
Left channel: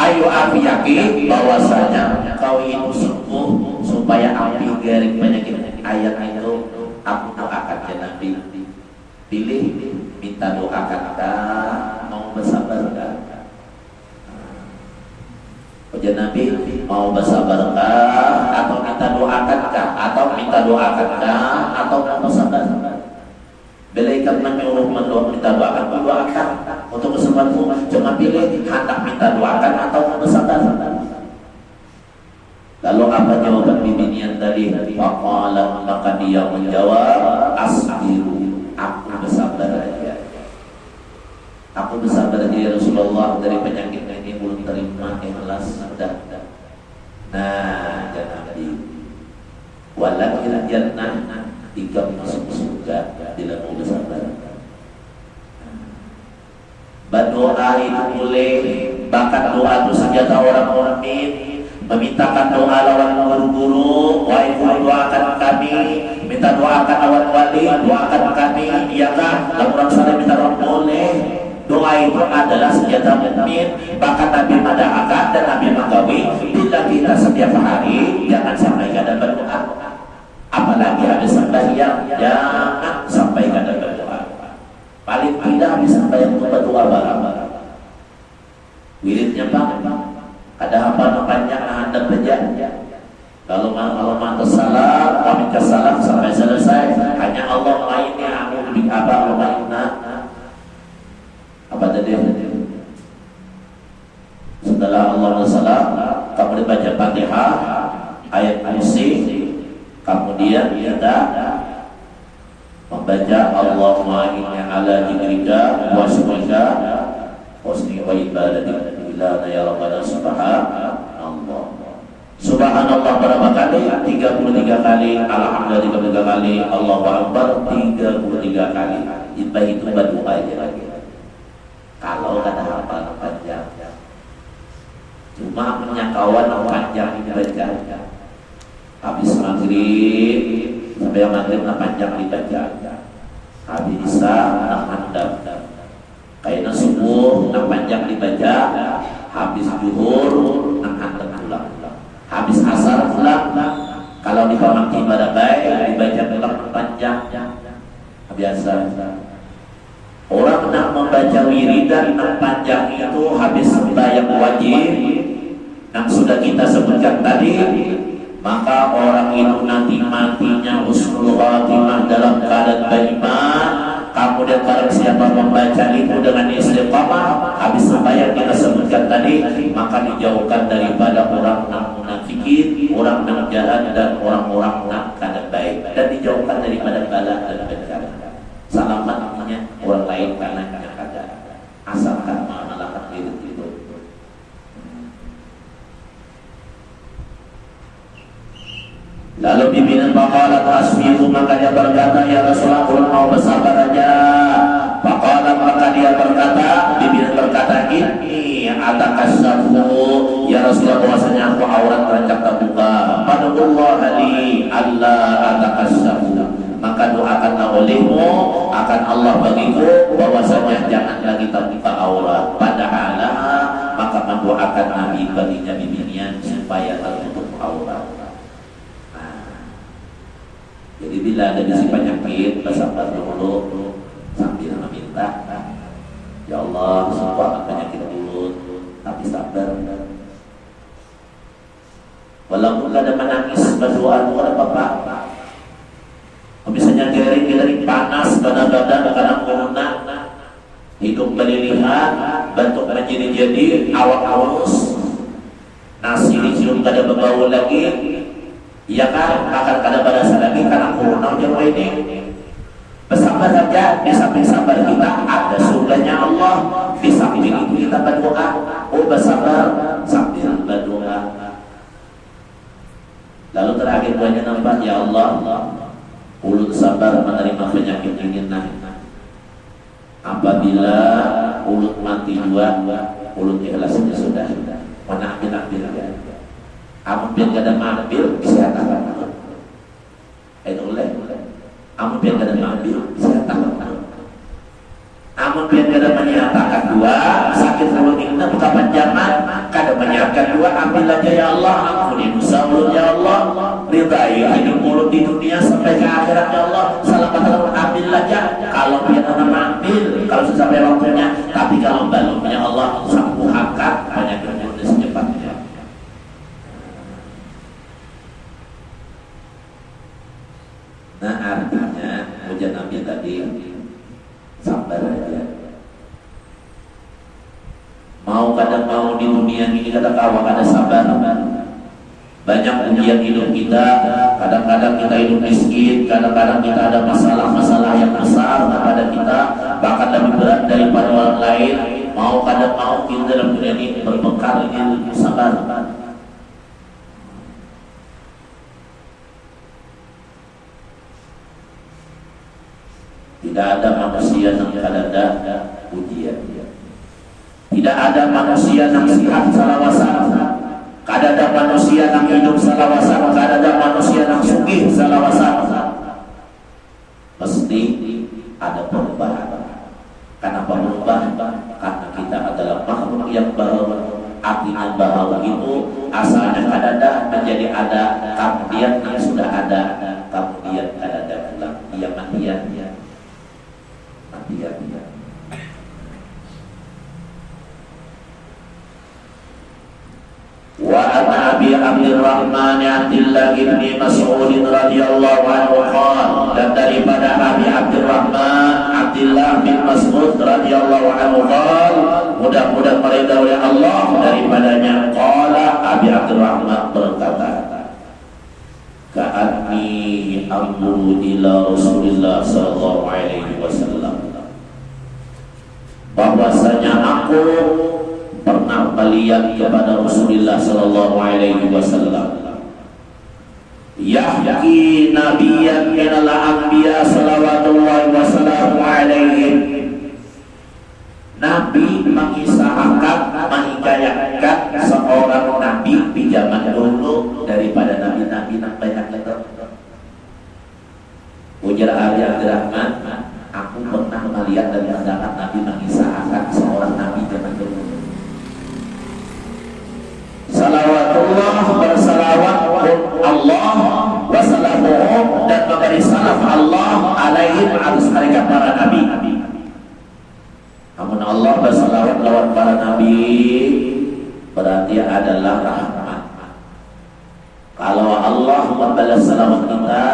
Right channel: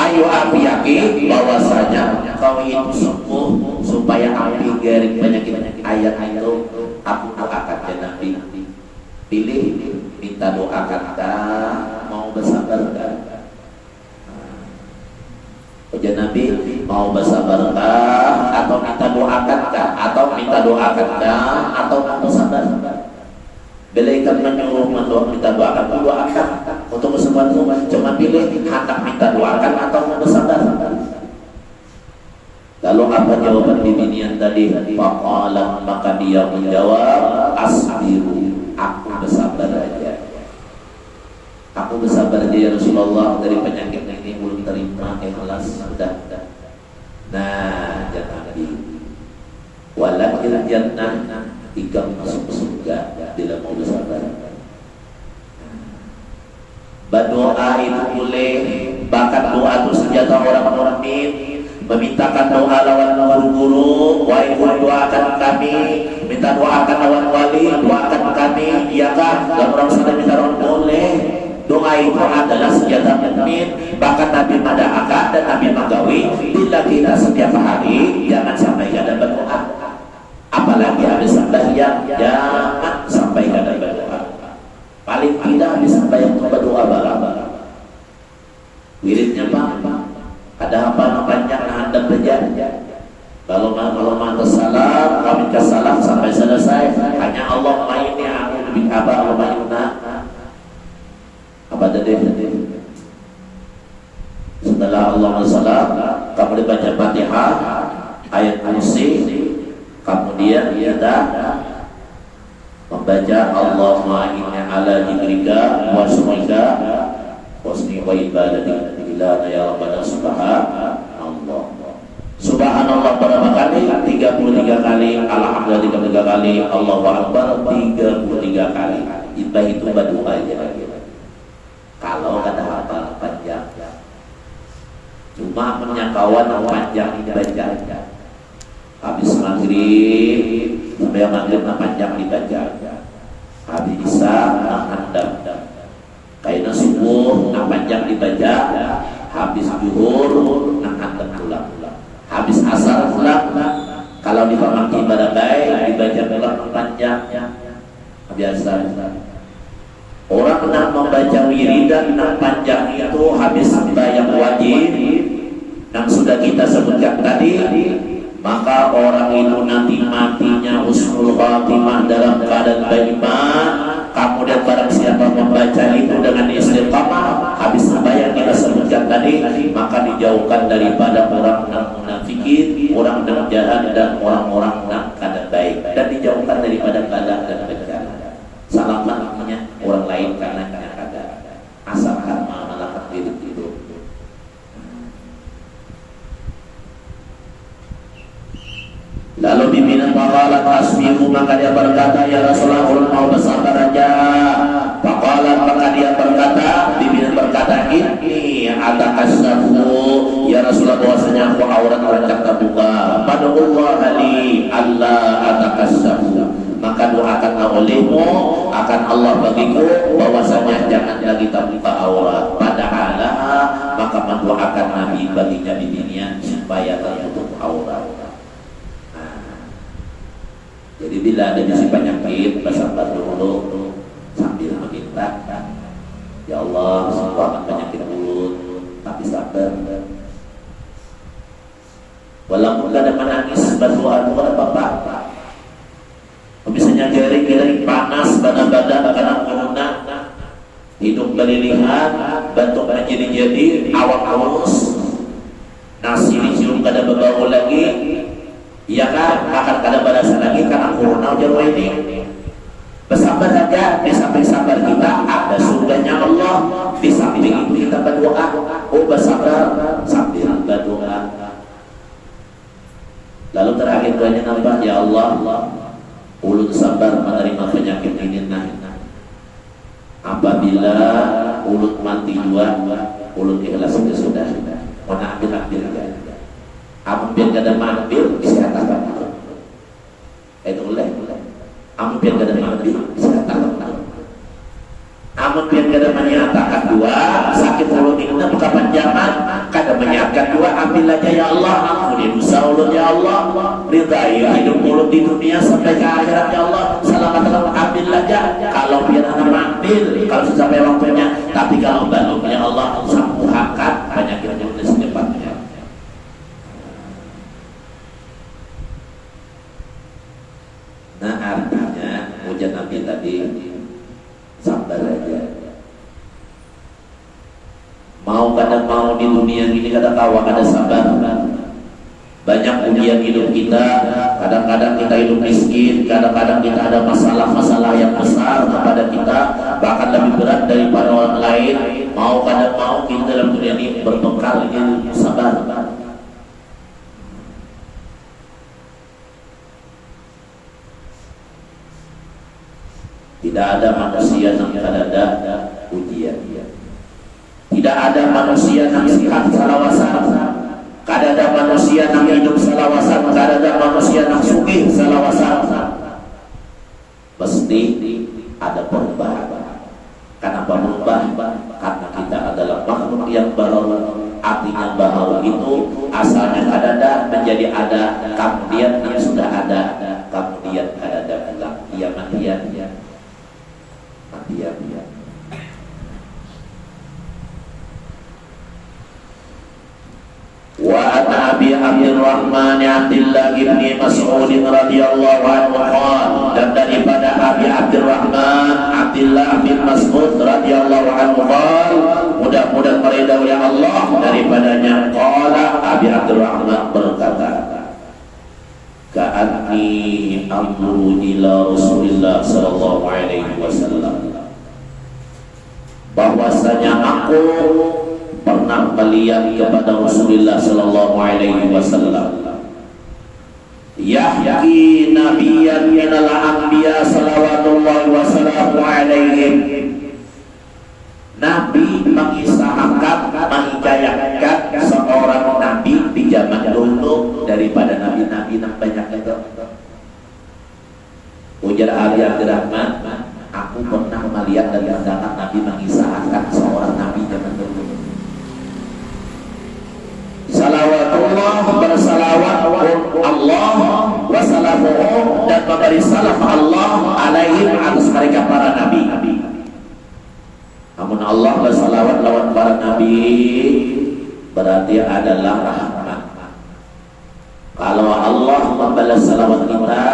ayu afiyaki, bahwasanya kau itu sembuh supaya api dari penyakit ayat itu, aku doakan ya Nabi. Pilih minta doakan mau bersabar kan? Ujar Nabi, mau bersabar atau minta doakan atau minta doakan atau mau bersabar? Belaikan menyuruh minta doakan, doakan untuk kesembuhanmu, cuma pilih hendak minta doakan atau mau bersabar. Lalu apa jawaban bibinian tadi? Faqala, maka dia menjawab, asbiru, aku bersabar aja. Aku bersabar aja Rasulullah, dari penyakit ini belum terima, ikhlas sudah. Nah, ya Nabi, walakil jannah, tiga masuk surga bila mau bersabar. Berdoa itu boleh, bahkan doa itu senjata orang mukmin. Memintakan doa lawan guru-guru, wahai guru doakan kami, minta doakan lawan wali, doakan kami, iya kan? Dan orang saleh minta doa boleh. Doa itu adalah senjata mukmin. Bahkan Nabi Madahaka dan Nabi Magawi, bila kita setiap hari jangan sampai ada berdoa. apalagi habis sembahyang jangan sampai kada berdoa. Paling tidak habis sembahyang itu berdoa barang-barang. Wiridnya Pak, ada hafal panjang hadap saja. Kalau mantas salam, kami ke salam sampai selesai. Hanya Allah ini aku lebih apa tadi? Setelah Allah salam, kamu baca Fatihah, ayat kursi, kemudian kita membaca Allahumma inni ala dzikrika wa syukrika wa husni ibadatika ya rabbana subhanallah. Subhanallah berapa kali? 33 kali. Alhamdulillah 33 kali. Allahu akbar 33 kali. Itu berdoa aja lagi. Kalau kata hafal panjang, cuma punya kawan panjang dibaca. Habis maghrib sampai maghrib panjang dibaca. Habis isya handap. Kayak subuh panjang dibaca. Habis zuhur handap pulang. Habis asar pulang. Kalau di pamangki ibadah baik dibaca pulang panjang. Biasa. Orang yang membaca wiridan yang panjang itu habis sembahyang wajib yang sudah kita sebutkan tadi, maka orang itu nanti matinya husnul khatimah dalam keadaan beriman. Kemudian barang siapa membaca itu dengan istiqamah habis sembahyang kita sebutkan tadi, maka dijauhkan daripada orang yang munafikin, orang yang jahat dan orang-orang yang kada baik, dan dijauhkan daripada bala dan bencana. Selamat namanya orang lain karena kada asalkan melakukan itu. Lalu pimpinan faqalat asbiru, maka dia berkata, ya Rasulullah mau bersabar aja. Faqalat, maka dia berkata, pimpinan berkata, ini atakassafu ya Rasulullah, bahwasanya aku aurat orang terbuka. Padahullah ali Allah atakassafu, maka doakanlah olehmu akan Allah bagiku bahwasanya jangan lagi terbuka aurat. Padahal maka mendoakan Nabi baginya bimbingan supaya tertutup aurat. Jadi bila ada bisi penyakit, bersabar dulu sambil meminta, ya Allah sembuhkan penyakit mulut, tapi sabar. Walaupun ada menangis berdoa kepada Bapak, misalnya gering-gering panas badan karena corona, hidung berlilihan, batuk menjadi-jadi, awak halus, nasi dicium kada berbau lagi. Iya kan, akan kada berasa lagi karena corona jauh ini. Bersabar saja, di samping sabar kita ada surganya Allah. Di samping itu kita berdoa. Oh bersabar sambil berdoa. Lalu terakhir doanya nampak, ya Allah, ulut sabar menerima penyakit ini. Apabila ulut mati dua, ulut ikhlas sudah. Mana ambil ya. Amun biar gak ada mampir bisa katakan itu mulai amun biar gak ada mampir bisa katakan amun biar gak ada menyatakan dua sakit mulut itu kan kepanjangan kada menyatakan dua, ambil aja ya Allah, ampuni dosa ulut ya Allah, ridai hidup mulut di dunia sampai ke akhirat ya Allah, selamatkan ambil aja. Kalau biar ada mampir kalau sampai waktunya, tapi kalau belumnya Allah sembuhkan penyakit mulut secepatnya. Nah artinya ujian Nabi tadi sabar aja. Mau kadang mau di dunia ini kada kawa kada sabar. Banyak ujian hidup kita. Kadang-kadang kita hidup miskin, kadang-kadang kita ada masalah-masalah yang besar kepada kita, bahkan lebih berat daripada orang lain. Mau kadang mau kita dalam dunia ini berbekal ini sabar. Tidak ada manusia yang tidak ada ujian. Tidak ada manusia yang sehat salawasan. Tidak ada manusia yang hidup salawasan. Tidak ada manusia yang sugih salawasan. Mesti ada perubahan. Kenapa berubah? Karena kita adalah makhluk yang baru. Artinya bahwa itu asalnya ada menjadi ada, kemudian yang sudah ada. Iya matian ya. Matian ya. Wa an Abi Abdurrahman Abdullah bin Mas'ud radhiyallahu anhu qala, dan daripada Abi Abdurrahman Abdullah bin Mas'ud radhiyallahu anhu qala, mudah-mudahan meridai oleh Allah daripadanya, qala Abi Abdurrahman berkata, ka'anni anzuru ila Rasulillah sallallahu alaihi wasallam, bahwasanya aku pernah melihat kepada Rasulullah sallallahu alaihi wasallam, yahki nabiyyan minal anbiya salawatullahi wasallamu alaihim, Nabi mengisahkan, menghikayatkan seorang nabi di zaman dulu daripada nabi-nabi yang banyak itu. Ujar Ali Abdurrahman, aku pernah melihat dari pandangan Nabi mengisahkan seorang nabi zaman dulu. Salawatullah, bersalawat Allah wassalamuhu, dan memberi salam Allah alaihim, atas mereka para nabi. Namun Allah bersalawat lawan para nabi berarti adalah rahmat. Kalau Allah membalas salawat kita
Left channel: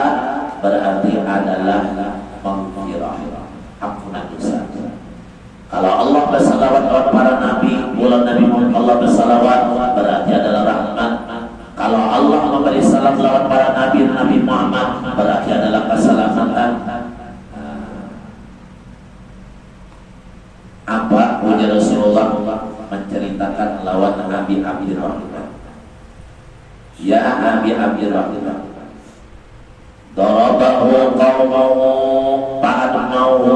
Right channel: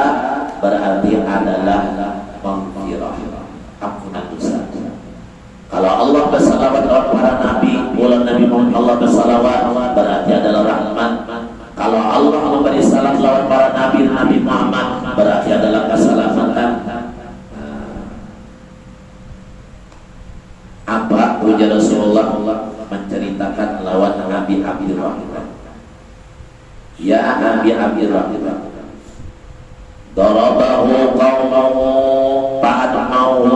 berarti adalah maghfirah, ampunan dosa. Kalau Allah bersalawat lawan para nabi, bulan Nabi Muhammad Allah bersalawat berarti adalah rahmat. Kalau Allah memberi salam lawan para nabi, Nabi Muhammad berarti adalah keselamatan. Apa ujar Rasulullah menceritakan lawan Nabi Abdurrahman? Ya Nabi Abdurrahman, darabahu qaumahu fa'admahu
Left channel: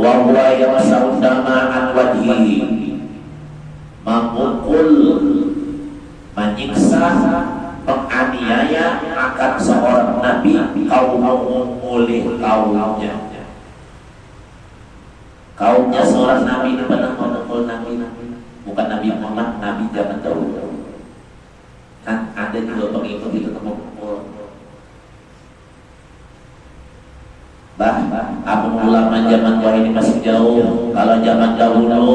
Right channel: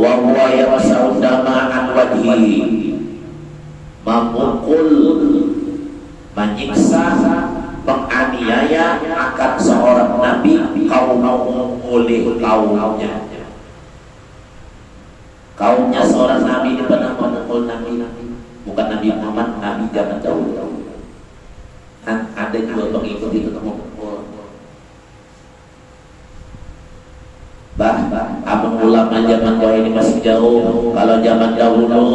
wa huwa yamsahu dama'an wajhihi, memukul, menyiksa, menganiaya akan seorang nabi kaummu oleh kaumnya. Kaumnya seorang nabi ini pernah memukul nabi, bukan Nabi Muhammad, nabi zaman dahulu. Kan ada juga pengikut itu memukul. Abang ulama zaman dahulu ini masih jauh. Kalau zaman dahulu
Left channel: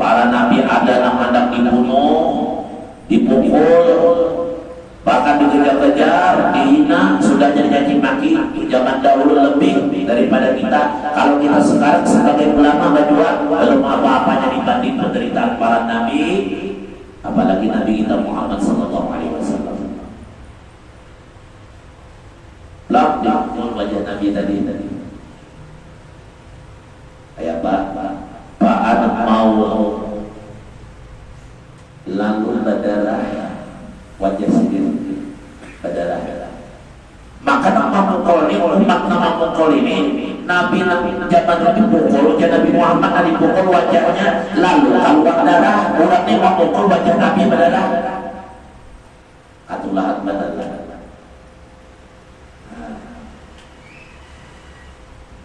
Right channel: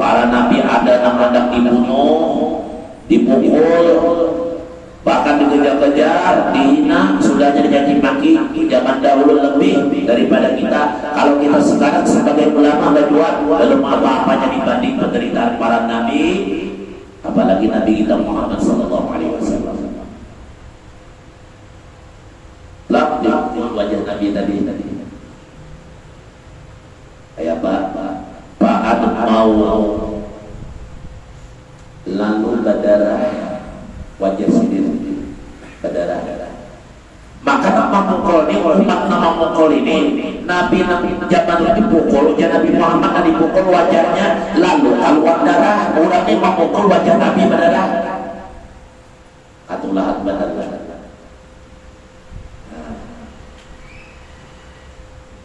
para nabi ada yang hendak dibunuh, dipukul, bahkan dikejar-kejar, dihina, sudah jadi maki. Zaman dahulu lebih daripada kita. Kalau kita sekarang sebagai ulama berjuang, belum apa-apanya dibanding penderitaan para nabi, apalagi Nabi kita Muhammad sallallahu alaihi wasallam. Lapun wajah Nabi tadi. Kayak Pak anak mau lalu berdarah wajah sendiri berdarah. Maka nama mukul ini, umat nama mukul ini, Nabi zaman dipukul, Nabi Muhammad dipukul wajahnya, lalu keluar darah, orangnya memukul wajah Nabi berdarah. Atulah berdarah.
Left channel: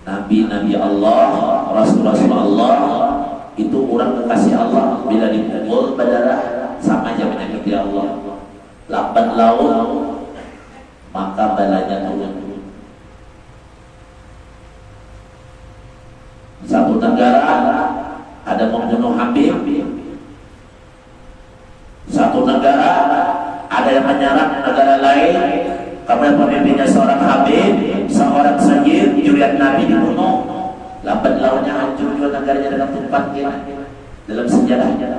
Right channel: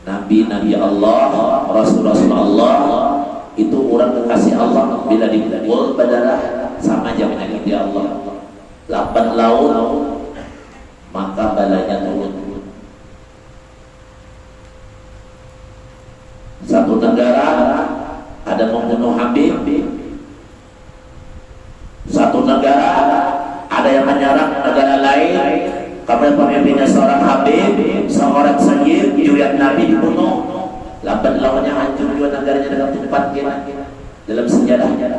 Nabi Allah, Rasul Allah itu orang kekasih Allah, bila dipukul berdarah sama aja menyakiti Allah. Lambat laun maka balanya turun. Satu negara ada membunuh Habib, satu negara ada yang menyerang negara lain, karena pemimpinnya seorang Habib, seorang sayyid, juriat Nabi dibunuh. Lambat launnya hancur juga negaranya dengan tempat dalam sejarahnya.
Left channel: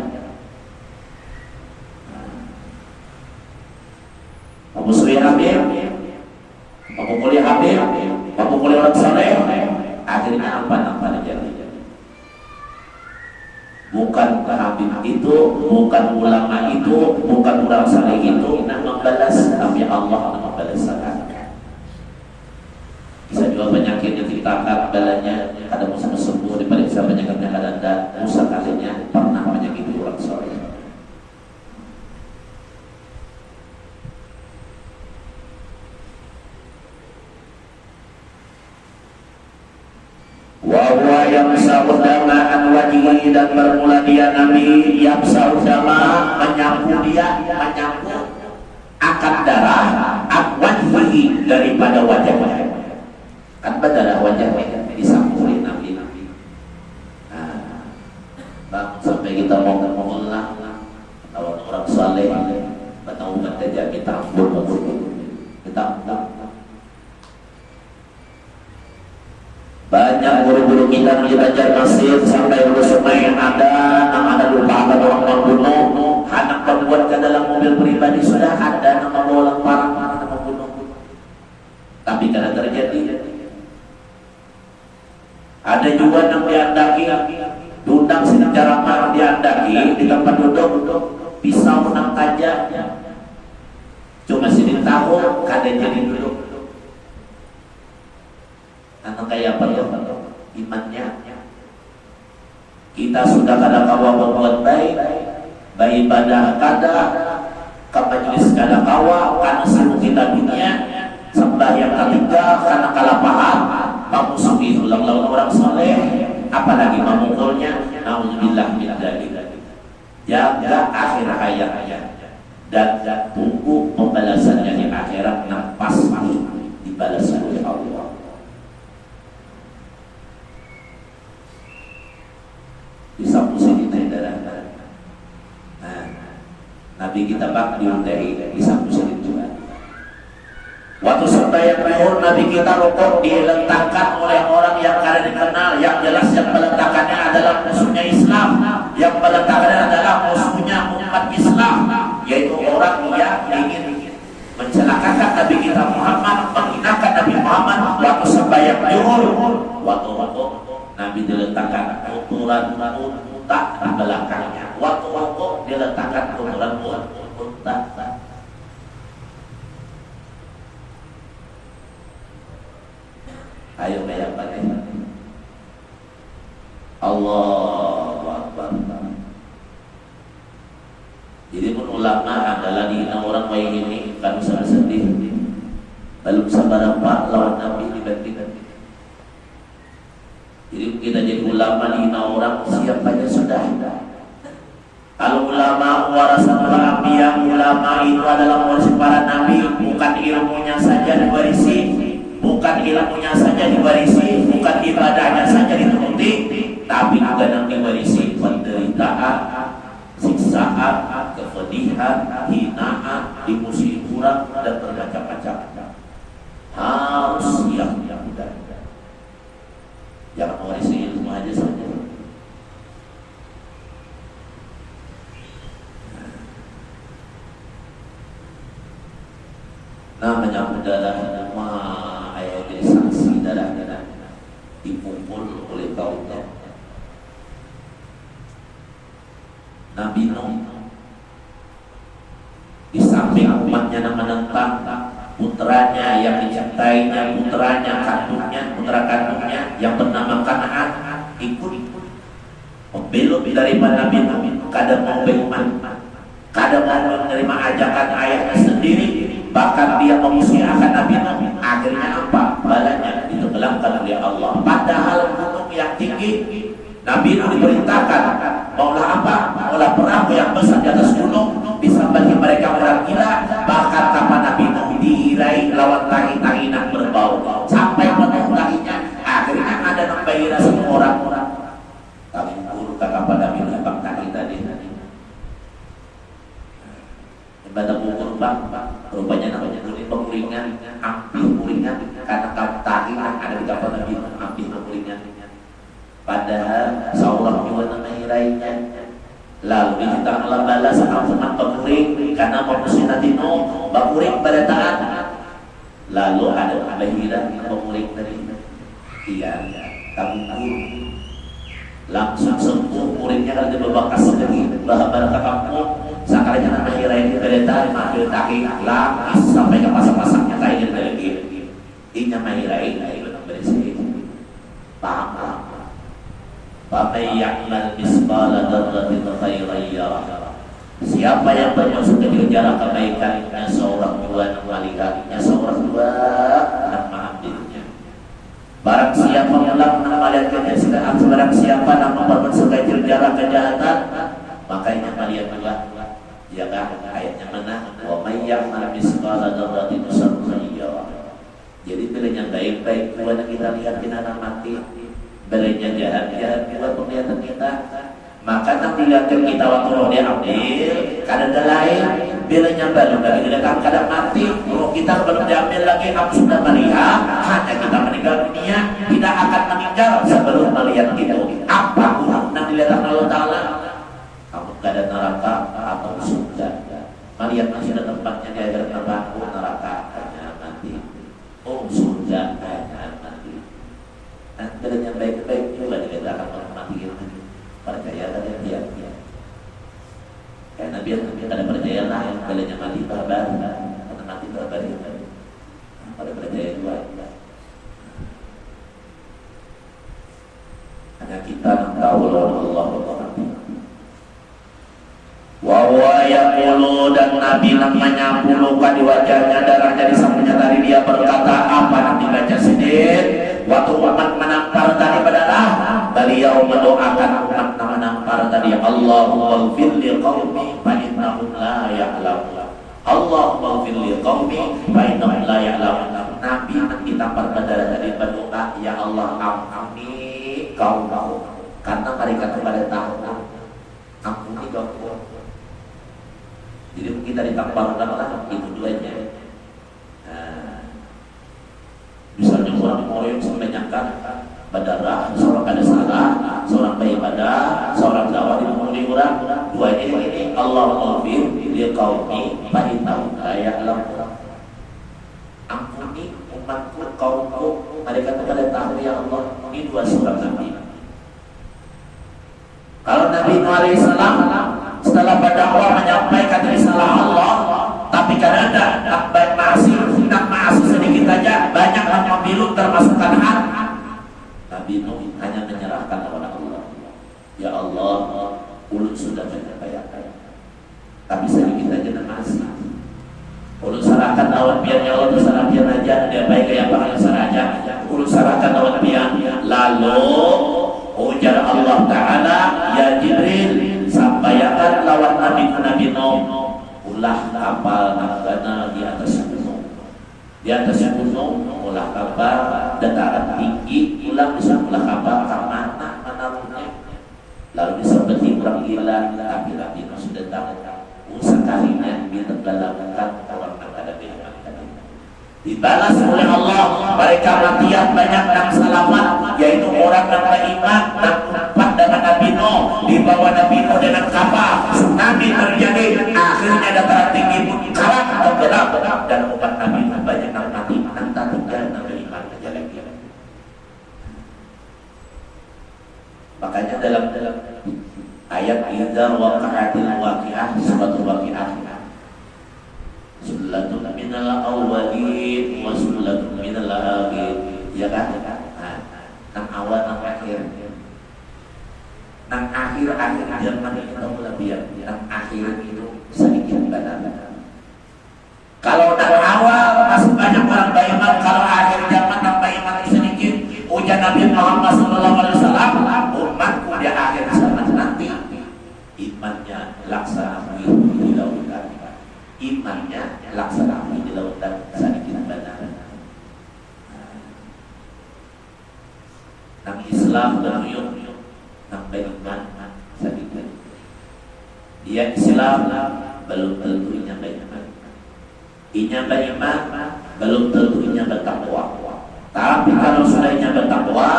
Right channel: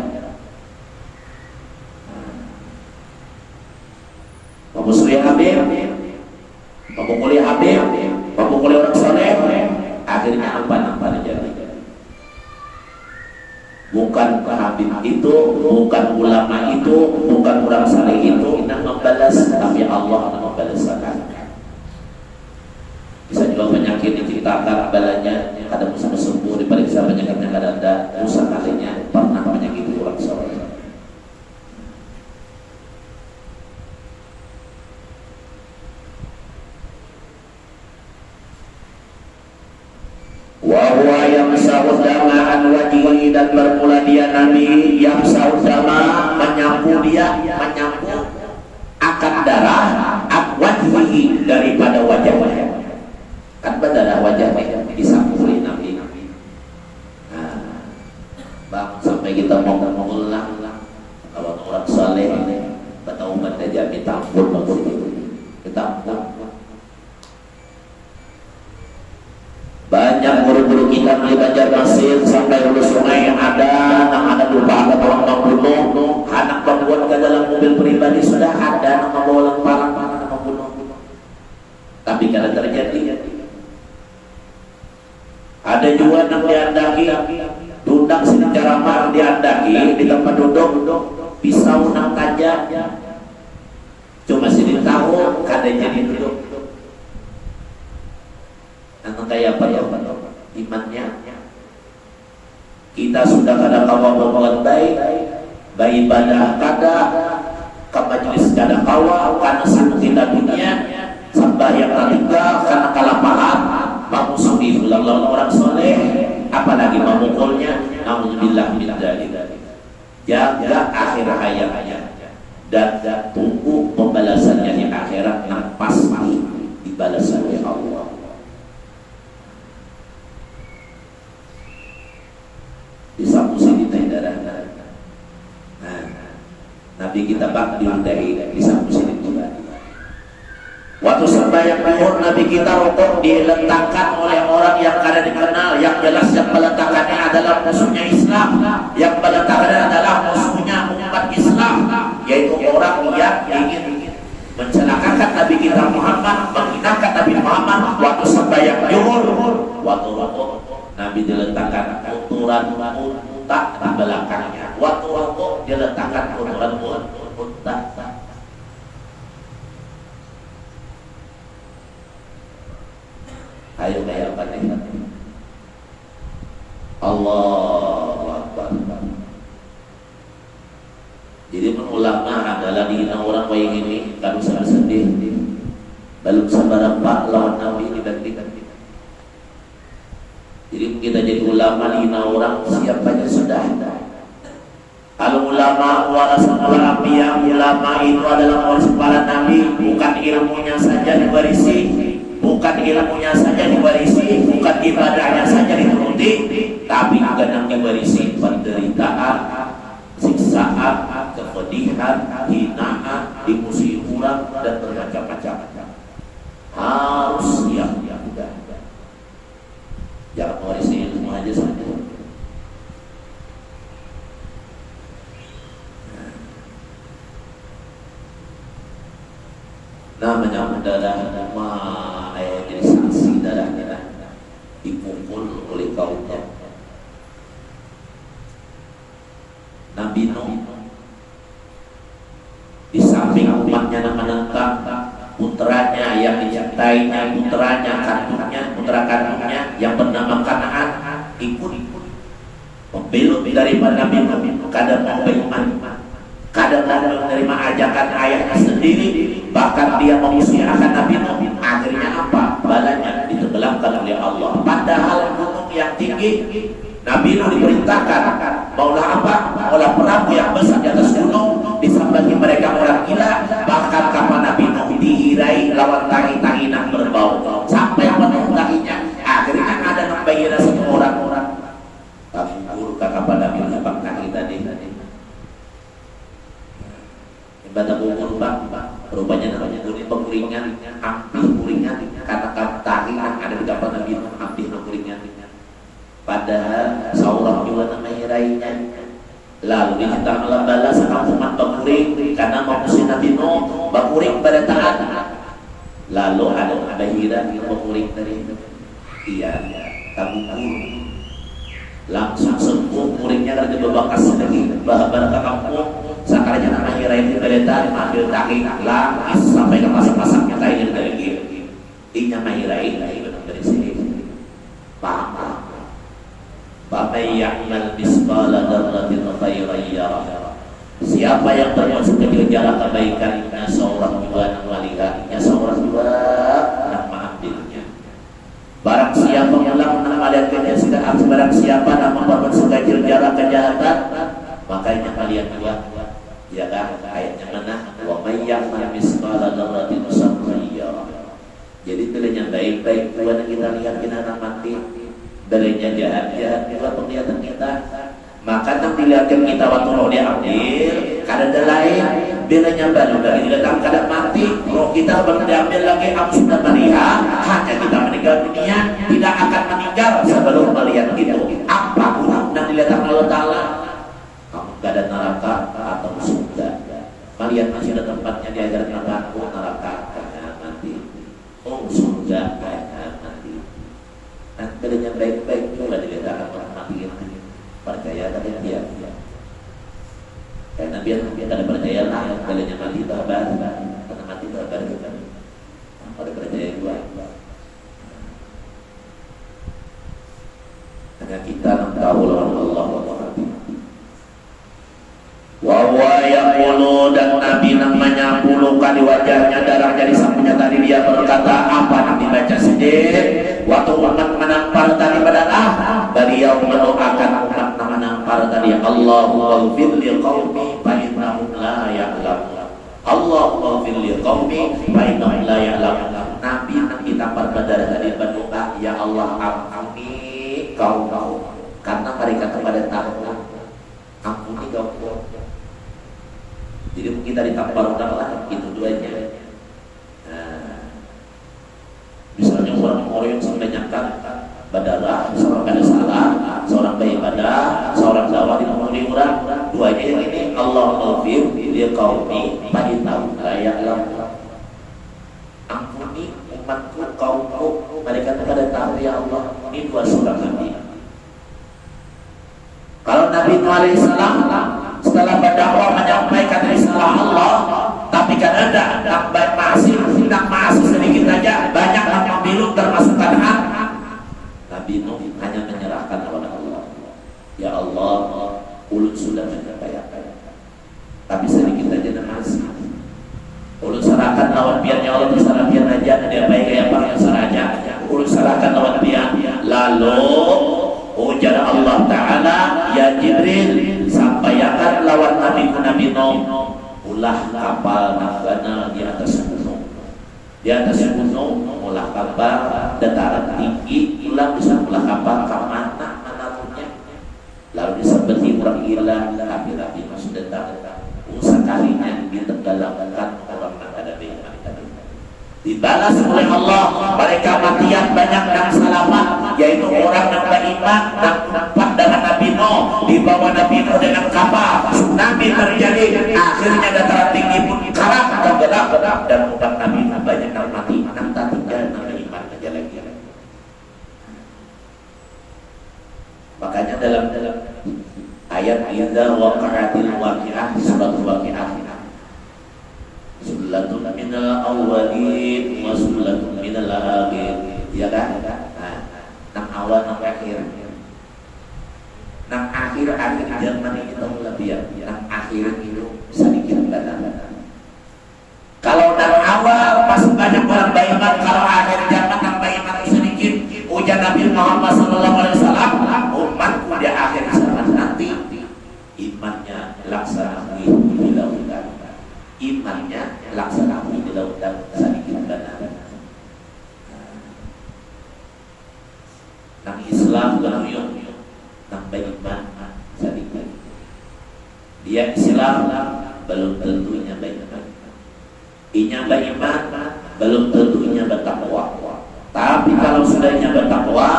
Muslim Habib, memukuli Habib, memukuli orang saleh, akhirnya apa terjadi? Bukan Habib itu, bukan ulama itu, bukan orang saleh itu yang membalas, tapi Allah yang membalaskan. Bisa juga penyakit diceritakan balanya, kadang bisa sembuh, diperiksa penyakitnya kadang ada, rusak kalinya pernah menyakiti orang saleh. Wahwa yang saudama an wajhi, dan bermula dia Nabi yang saudama menyapu dia, menyapu akan darah an wajhi daripada wajahnya. Kan badalah wajahnya disampuli Nabi. Nah, bang sampai kita mau mengulang kawan orang saleh ketemu mendaja kita ampun kita ampun. Banyak guru-guru kita di Banjarmasin sampai hulu sungai yang ada lupa orang membunuh, anak membuat ke dalam mobil pribadi sudah ada nama bolang parang nama membunuh. Tapi kada terjadi. Ada juga yang diandaki, dudang sini ceramah diandaki di tempat duduk, pisau nak tajam, cuma sini tahu kada jadi duduk. Anak kayak apa ya imannya? Kita sudah kada kawa baik ibadah kada, ke majelis kada kawa, karena sibuk kita dunia, sembahyang ketiga karena kalapahan, memusuhi ulang orang soleh, apalagi memukulnya. Nauzubillah min dzalik. Jaga akhir hayat dan tunggu pembalasannya di akhirat yang pasti dibalas oleh Allah. Bisa pusing kita darah. Nah, Nabi kita bak diuntai bisa pusing juga. Waktu sembahyang zuhur Nabi kita rokok diletakkan oleh orang yang kada dikenal, yang jelas yang meletakkannya adalah musuhnya Islam, yang meletakkannya adalah musuhnya umat Islam, yaitu orang yang ingin mencelakakan Nabi kita Muhammad, menghinakan Nabi Muhammad. Waktu sembahyang zuhur, waktu rokok Nabi diletakkan ukuran unta di belakangnya. Waktu rokok diletakkan ukuran unta. Ayo kayak apa nih? Allahu Akbar. Jadi pun ulama adalah dihina orang baik ini kalau sangat sedih. Belum sabar pak lawan Nabi dibandingkan. Jadi kita jadi ulama dihina orang siapanya sudah. Kalau ulama warasatul anbiya, ulama itu adalah waris para nabi, bukan ilmunya saja diwarisi, bukan ilmunya saja diwarisi, bukan ibadahnya saja dituruti, tapi juga yang diwarisi penderitaan, siksaan, kepedihan, hinaan, dimusuhi orang dan bermacam-macam. Harus siap udah. Jangan warisi ilmu aja saja. Namanya adalah jadi sanksi darahnya dipukul oleh kaumnya. Nabi Nuh di samping umatnya menentang putranya yang dicintainya, putranya kandungnya, putra kandungnya yang bernama Kanaan ikut membelot daripada Nabi Nuh, kadang mau beriman, kadang mau menerima ajakan ayahnya sendiri, bahkan dia memusuhi akan Nabi Nuh. Akhirnya apa? Balanya ditenggelamkan oleh Allah. Padahal gunung yang tinggi, Nabi Nuh diperintahkan maulah apa? Maulah perahu yang besar di atas gunung, disambangi mereka orang gila. Bahkan kapan Nabi Nuh dihirai lawan tangi-tanginan berbau sampai penuh tanginya. Akhirnya ada nambahin semua orang-orang kabur kakak pada Nabi Nuh tangi tadi. Ibadah kubur bang, rupanya namanya penguringan, ampih kuringan, karena tahi yang ada di kapal Nabi Nuh, ampih penguringan. Padahal seorang juga namanya lainnya. Lalu kita malah balas umat penguring karena memusuhi Nabi Nuh, penguring pada taat. Lalu ada Bahira yang penguring dari kabur, langsung sembuh muridnya kerja berbakas lagi bahkan kampung. Sakarnya nama Hira ini beletar ambil tahi lah sampai ke pasang-pasangnya kain dari dia. Ini nama Hira ini dari sini. Paham? Bapak yang al-misbala darratin khairan yarah. Siapa yang bermaksud kejar kebaikannya seorang dua yang melihatnya, seorang dua yang mengambilnya. Barang siapa mulang melihat kejahatan, barang siapa nama bermaksud kejar kejahatan, makanya kalian dua. Ya kan ayatnya mana? Wa may ya'mal misqala dzarratin syarran yarah. Jadi pilihnya baik-baik pula kita lihat kita anak mati, berinya jahat-jahat kita penglihatan kita. Maka tak dilihatkan kita waktu roh diambil, kadang lain bilanya baru dari kita datang kadang mati, roh kita belum diambil lagi, aku sudah melihat, hanya kita meninggal dunia, tidak akan meninggal sebelum melihat itu. Apa kurang dan dilihat Allah Ta'ala? Kamu tidak ada neraka atau surga. Melihat masih ada tempatnya di akhirat neraka, hanya mati. Oh surga, hanya mati. Dan bilanya baik-baik juga dilihat orang mati ini. Percaya pada dia, karena dia ada percaya lain, kalau yang mati tabar, karena mati tabar itu, pada percaya juga. Karena kita tahu Allah wa yaqulu dan Nabi namanya pulukan di wajahnya darah dari sampulnya tadi dia berkata apa Nabi baca sedih waktu umat menampar tadi pada beliau mendoakan umat menampar tadi Allahumma ighfir li qaumi fa innahum la ya'lamun. Allahumma ighfir li qaumi fa innahum la ya'lamun. Nabi ditampar pada tadi berdoa ya Allah ampuni kaum karena mereka tidak tahu. Ampuni kaum. Jadi kita ditampar orang itu duanya. Misalnya orang yang menyangka berdarah, seorang kada salah, seorang baik pada, seorang dakwah tidak mau diurang, duanya ini Allah maghfir li qaumi fa innahum la ya'lamun. Ampuni umatku kaumku mereka tidak tahu ya Allah. Ini dua surah Nabi. Kalau Nabi alaihi salam setelah berdakwah menyampaikan risalah Allah, tapi kan ada masih sedikit saja banyak yang membilu termasuk hak. Nabi Nuh hanya menyerahkan kepada Allah. Ya Allah, ulun sudah menyampaikan, tapi sedikit saja masih. Ulun serahkan lawan biarnya Allah terserah biar aja ada baik kayak apa yang saraja. Ulun serahkan lawan biar. Lalu ujar Allah Ta'ala ya Jibril sampaikan lawan Nabi Nuh ulah kapal nagana di atas gunung. Di atas gunung ulah kapal dataran tinggi ulah bisa ulah kapal ke mana menarungnya. Lalu disebut orang gila tapi Nabi Nuh sudah tahu sekalinya ditenggelamkan orang yang ada di tadi. Dibalas oleh Allah mereka matian banyak yang selamat yaitu orang yang beriman dan tempat dengan Nabi Nuh dibawa Nabi Nuh dengan kapal tsunami terjadi akhirnya dataran tinggi pun karam tenggelam dan umat Nabi Nuh banyak yang mati nanti tinggal Nabi iman aja lagi. Makanya dalam ayat idza waqa'atil waqi'ah suratul waqi'ah sulatun minal awwalin wa sulatun minal akhirin ya kan? Nang awal nang akhir. Nang akhir zaman itu lebih nang akhir itu sedikit datang. Kalau nang awal masih banyak orang beriman, kalau akhir zaman nang beriman sedikit. Ujar Nabi Muhammad SAW, umatku di akhir zaman nanti imannya laksana di lautan. Imannya laksana di lautan sedikit benar. Nang Islam beruyung, nang beriman sedikit. Dia Islam belum tentunya beriman. Inya beriman belum tentunya bertakwa. Tapi kalau sudahnya bertakwa,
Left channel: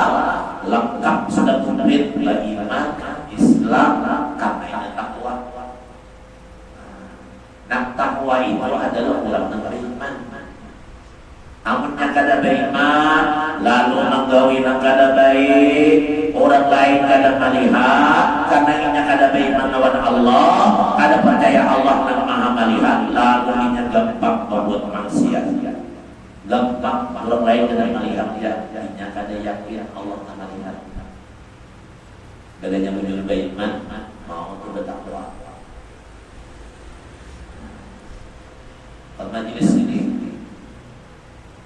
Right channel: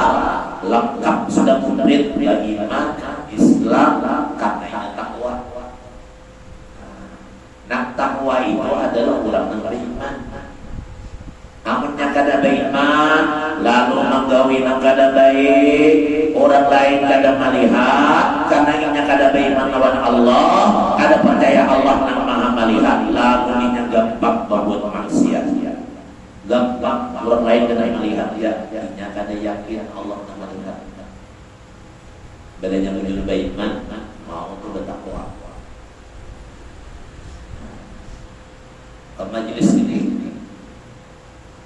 lengkap sudah komplit beriman, Islam karena takwa. Nah takwa itu adalah orang yang beriman. Amunnya kada beriman, lalu menggawi nang kada baik, orang lain kada melihat, karena inya kada beriman lawan Allah, kada percaya Allah yang maha melihat, lalu inya gampang berbuat maksiat. Gampang orang lain kada melihat dia, inya kada yakin Allah yang melihat. Bedanya menuju beriman, mau bertakwa. Majelis ini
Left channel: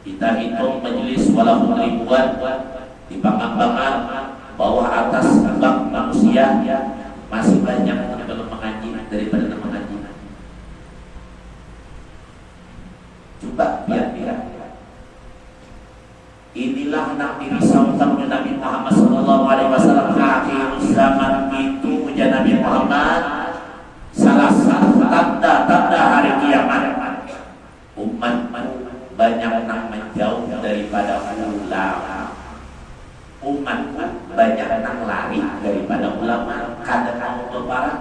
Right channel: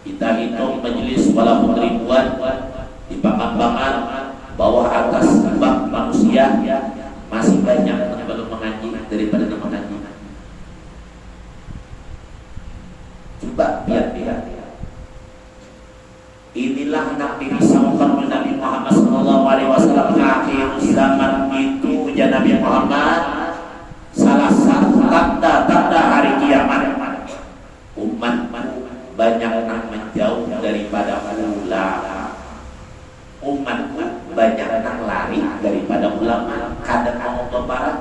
kita hitung majelis walaupun ribuan di pangan-pangan bawah atas bak manusia masih banyak yang belum mengaji daripada yang mengaji. Coba biar dirisaukan oleh Nabi Muhammad SAW. Akhir zaman itu ujar Nabi Muhammad, salah satu tanda-tanda hari kiamat, umat banyak yang menjauh daripada ulama. Umat banyak yang lari daripada ulama. Kadang mau berbarat,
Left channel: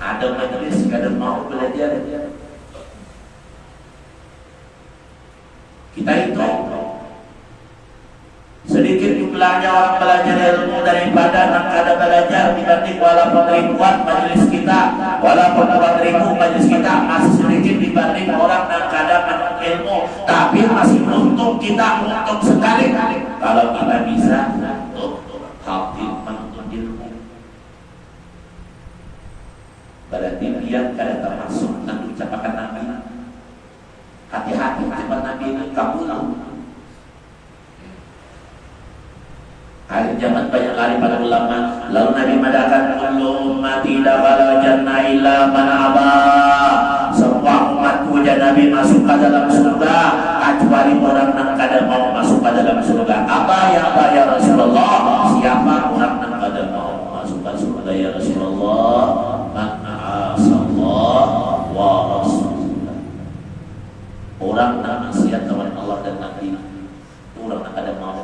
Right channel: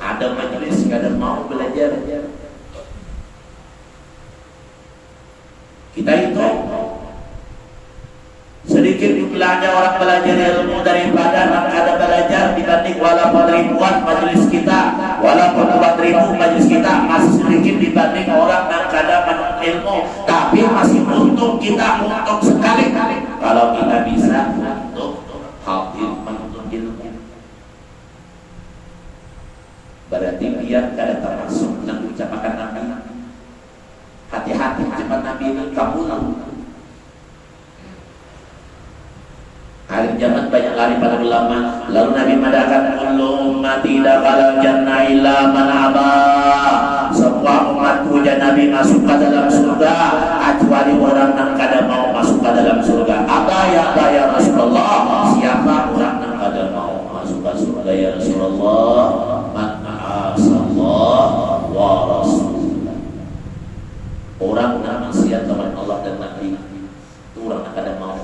ada majelis, kadang mau belajar. Kita itu sedikit jumlahnya orang belajar ilmu daripada yang kada belajar dibanding walaupun ribuan majelis kita, walaupun 4.000 majelis kita, masih sedikit dibanding orang yang kada menuntut ilmu. Tapi masih untung kita, untung sekali kalau kita bisa untuk hadir menuntut ilmu. Berarti biar kada termasuk dan ucapan Nabi. Hati-hati ucapan Nabi ini kabul. Hari zaman banyak lari pada ulama. Lalu Nabi mengatakan, kullu ummati dakhala jannah illa man aba. Semua umatku dan Nabi masuk ke dalam surga kecuali orang yang kada mau masuk ke dalam surga. Apa ya Rasulullah? Siapa orang yang kada mau masuk ke surga ya Rasulullah? Man asallah wa rasulullah. Orang yang maksiat kepada Allah dan Nabi, itu orang yang kada mau.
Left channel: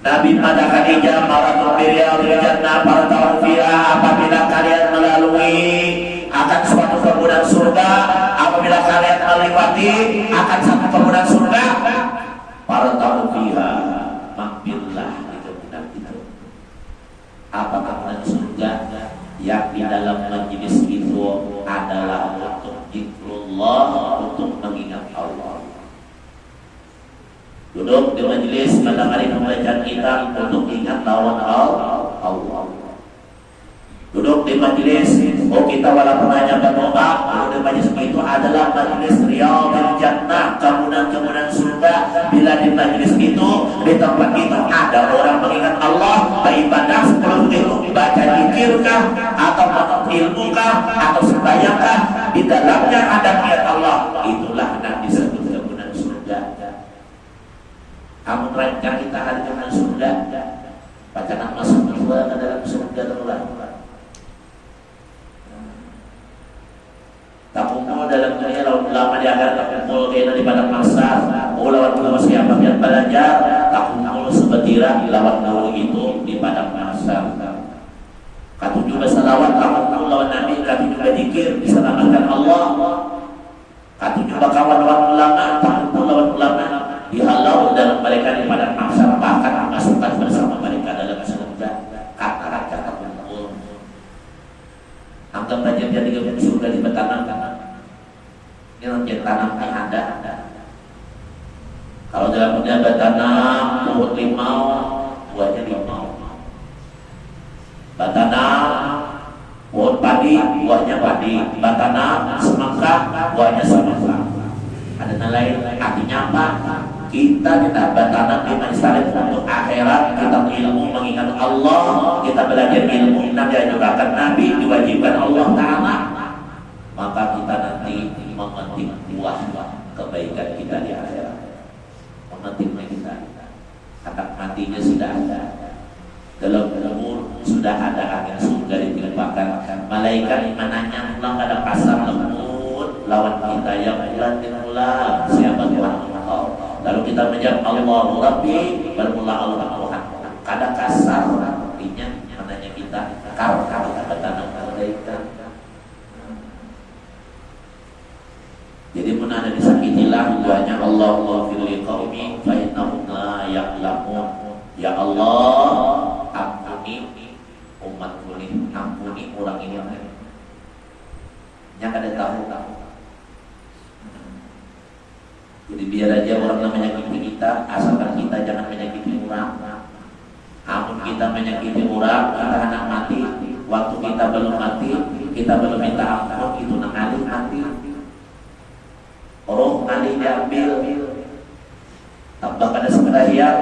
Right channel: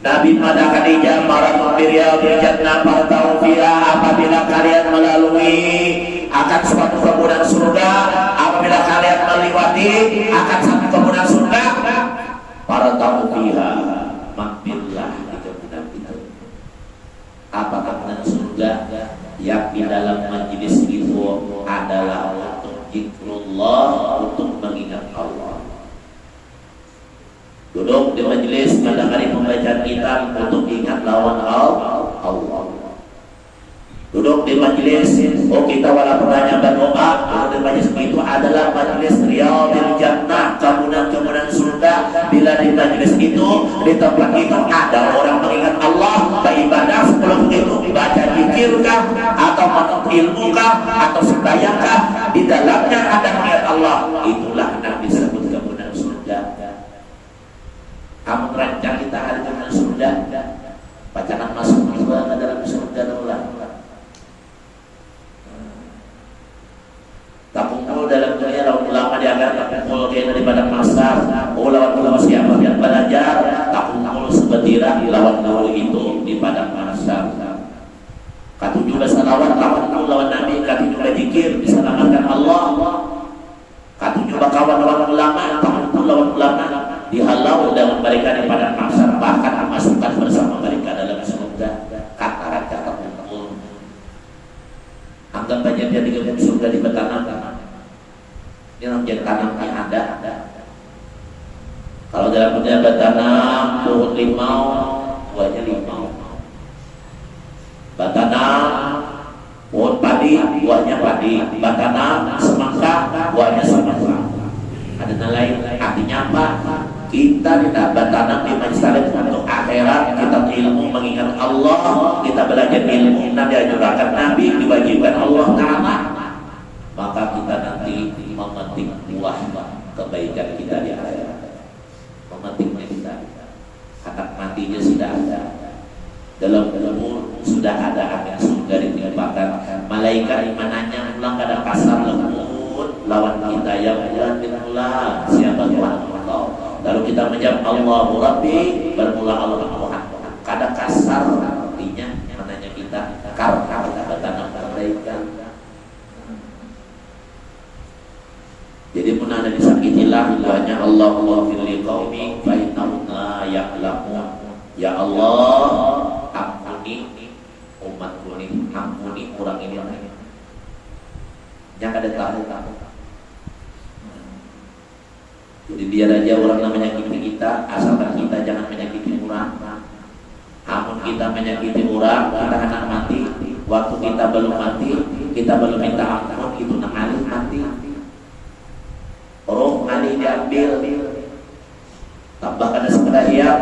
Nabi pada Khadijah maratu biryadil jannah fartau fiha, apabila kalian melalui akan suatu kemudahan surga, apabila kalian melewati akan satu kemudahan surga, fartau fiha, mampirlah di kemudahan itu. Apa kemudahan surga? Yang di dalam majlis itu adalah untuk zikrullah, untuk mengingat Allah. Duduk di majelis kadang-kadang membaca kitab untuk ingat lawan Allah. Duduk di majelis, kita wala pernah berdoa. Di majelis itu adalah majelis riyadil jannah, kemudahan surga. Bila di majelis itu, di tempat itu ada orang mengingat Allah, beribadah seperti itu, baca zikirkah atau ilmukah atau sembahyangkah, di dalamnya ada niat Allah. Itulah yang disebut kemudahan surga. Kamu merancang kita hari kemudian surga, bacakan masuk juga ke dalam surga terulang. Tak kumpul dalam dunia lawan ulama di agar tak kumpul kena di padang pasar. Lawan ulama siapa yang belajar, tak kumpul sebetira lawan itu di padang pasar. Katu juga salawat, tak kumpul lawan Nabi, katu juga zikir diselamatkan Allah. Katu juga kawan lawan ulama, tak kumpul lawan ulama, dihalau dalam mereka di padang mahsyar, bahkan dimasukkan bersama mereka dalam surga. Kata-kata kumpul. Anggap saja dia di surga di tanam. Ini menjadi tanam yang ada. Kalau dalam dunia bertanam turun limau, buahnya limau. Bertanam pohon padi, buahnya padi. Bertanam semangka, buahnya semangka. Ada nilai, artinya apa? Kita tidak bertanam di majelis untuk akhirat, kita ilmu mengingat Allah, kita belajar ilmu dan diajarkan Nabi, diwajibkan Allah Ta'ala. Maka kita nanti memetik buah kebaikan kita di akhirat. Memetiknya kita. Akan matinya sudah ada. Dalam umur sudah ada akan surga ditimpakan. Malaikat menanya ulang pada kasar lembut lawan kita yang bulan bin bulan. Siapa Tuhan Allah? Lalu kita menjawab Allahu Rabbi, bermula Allah Tuhan. Kadang kasar artinya menanya kita karena kita bertanam kebaikan. Jadi pun ada disakitilah duanya Allah fil liqaumi fa innahum la ya'lamun. Ya Allah, ampuni umatku ini, ampuni orang ini yang ada tahu kamu. Jadi biar aja orang yang menyakiti kita, asalkan kita jangan menyakiti orang. Amun kita menyakiti orang, kita akan mati. Waktu kita belum mati, kita belum minta ampun, itu nangali mati. Roh ngali diambil. Tambah ada sembahyang,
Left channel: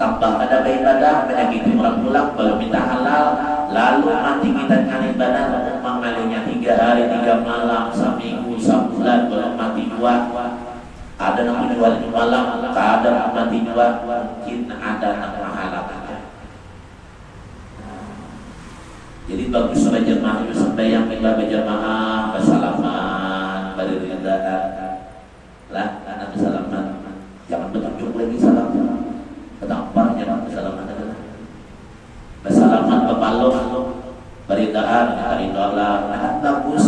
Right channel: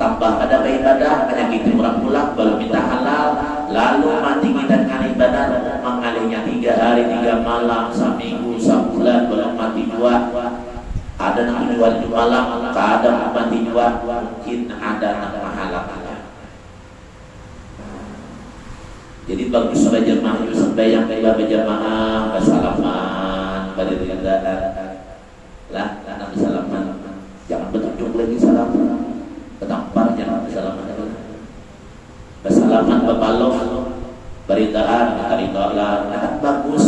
tambah ada beribadah, menyakiti orang pulang, belum minta halal. Lalu mati kita ngali benar, mengalinya 3 hari 3 malam, seminggu, sebulan, belum mati 2. yang jual malam, kadang mati jual, mungkin ada yang mahalaknya. Jadi bagi saudara jemaah sembahyang kita berjamaah, bersalaman, beribadah, lah nanti salaman, jangan bertunjuk lagi salaman, ketampar jangan bersalaman, bersalaman berbalong, beritaan, Allah, bagus.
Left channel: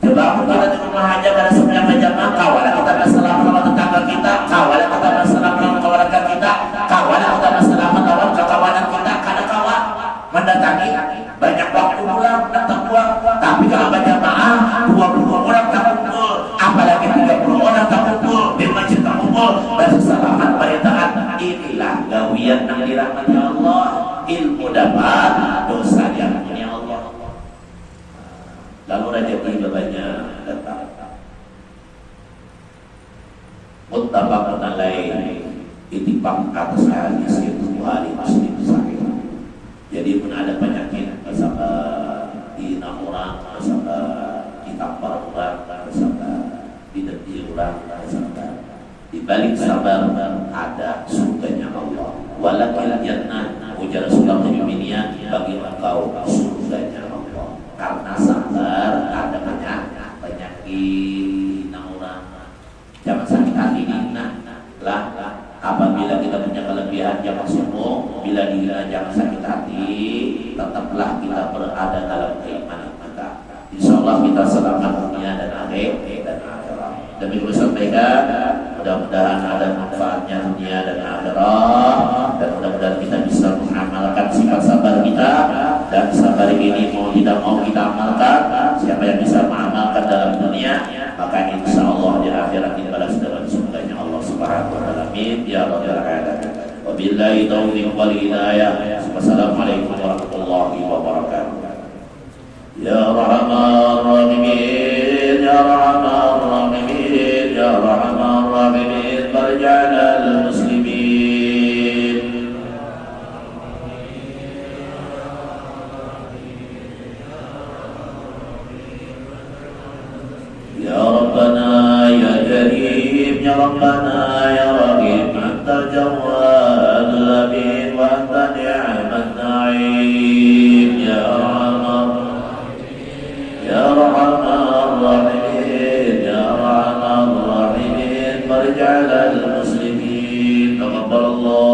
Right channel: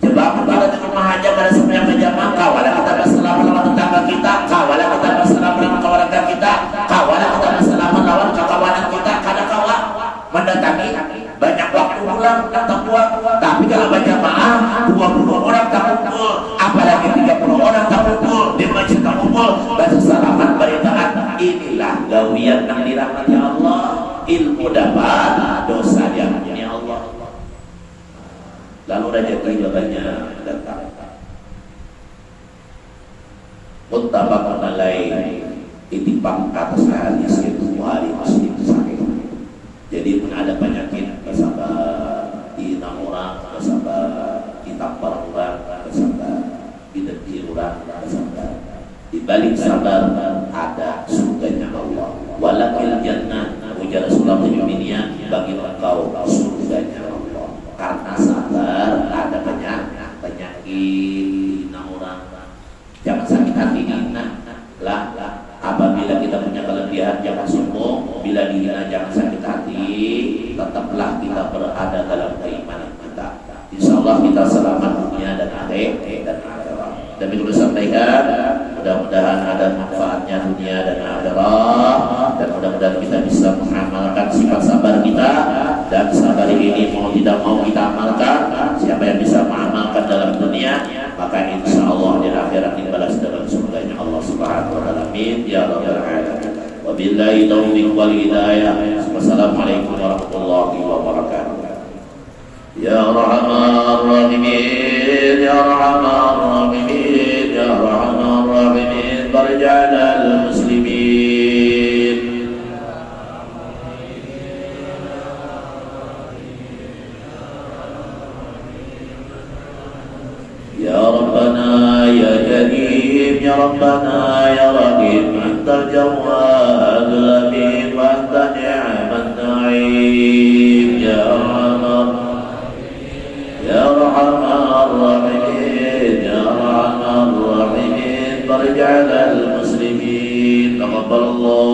Coba kita di rumah aja pada sembahyang berjamaah, kawalan kita bersalaman lawan tetangga kita, kawalan kita bersalaman lawan keluarga kita, kawalan kita bersalaman lawan kawanan kita, kadang kawan mendatangi. Banyak waktu pulang datang buang, tapi kalau berjamaah 20 orang tak kumpul, apalagi 30 orang tak kumpul, di masjid tak kumpul, bersalaman beritaan. Inilah gawian yang dirahmati Allah, ilmu dapat, dosa diampuni Allah. Lalu rezeki banyak datang. Muttafaqun alaih, ittifaq atas hadis itu Bukhari Muslim sahih. Jadi pun ada penyakit kesabah dina orang, kesabah ditampar orang, kesabah didengki orang, kesabah di balik sabar ada surganya Allah. Walakil jannah ujar Rasulullah mu'minnya, bagi engkau surganya Allah. Karena sabar ada penyakit dina orang. Jangan sakit hati dina lah. Apabila kita punya kelebihan jangan sombong, bila dihina jangan sakit hati, tetaplah kita berada dalam keimanan kita. Insyaallah kita selamat dunia dan akhirat. Dan perlu sampaikan, mudah-mudahan ada manfaatnya dunia dan akhirat, dan mudah-mudahan kita bisa mengamalkan sifat sabar kita, dan sabar ini mau tidak mau kita amalkan. Siapa yang bisa mengamalkan dalam dunia, maka insyaallah di akhirat dibalas dengan surganya Allah Subhanahu wa taala. Amin ya rabbal alamin. Wabillahi taufiq wal hidayah. Wassalamualaikum warahmatullahi wabarakatuh. Ya Rahman Rahimin, Ya Rahman Rahimin, Ya Rahman Rahimin, barja'al muslimin. Ya Rabbana Ya Karim, Ya Rabbana Ya Rahim, Antal Jawad Amin, wa anta ni'mat na'im. Ya Rahman Ya Rahman Rahimin, Ya Rahman Rahimin, barja'al muslimin. Taqabbalallahu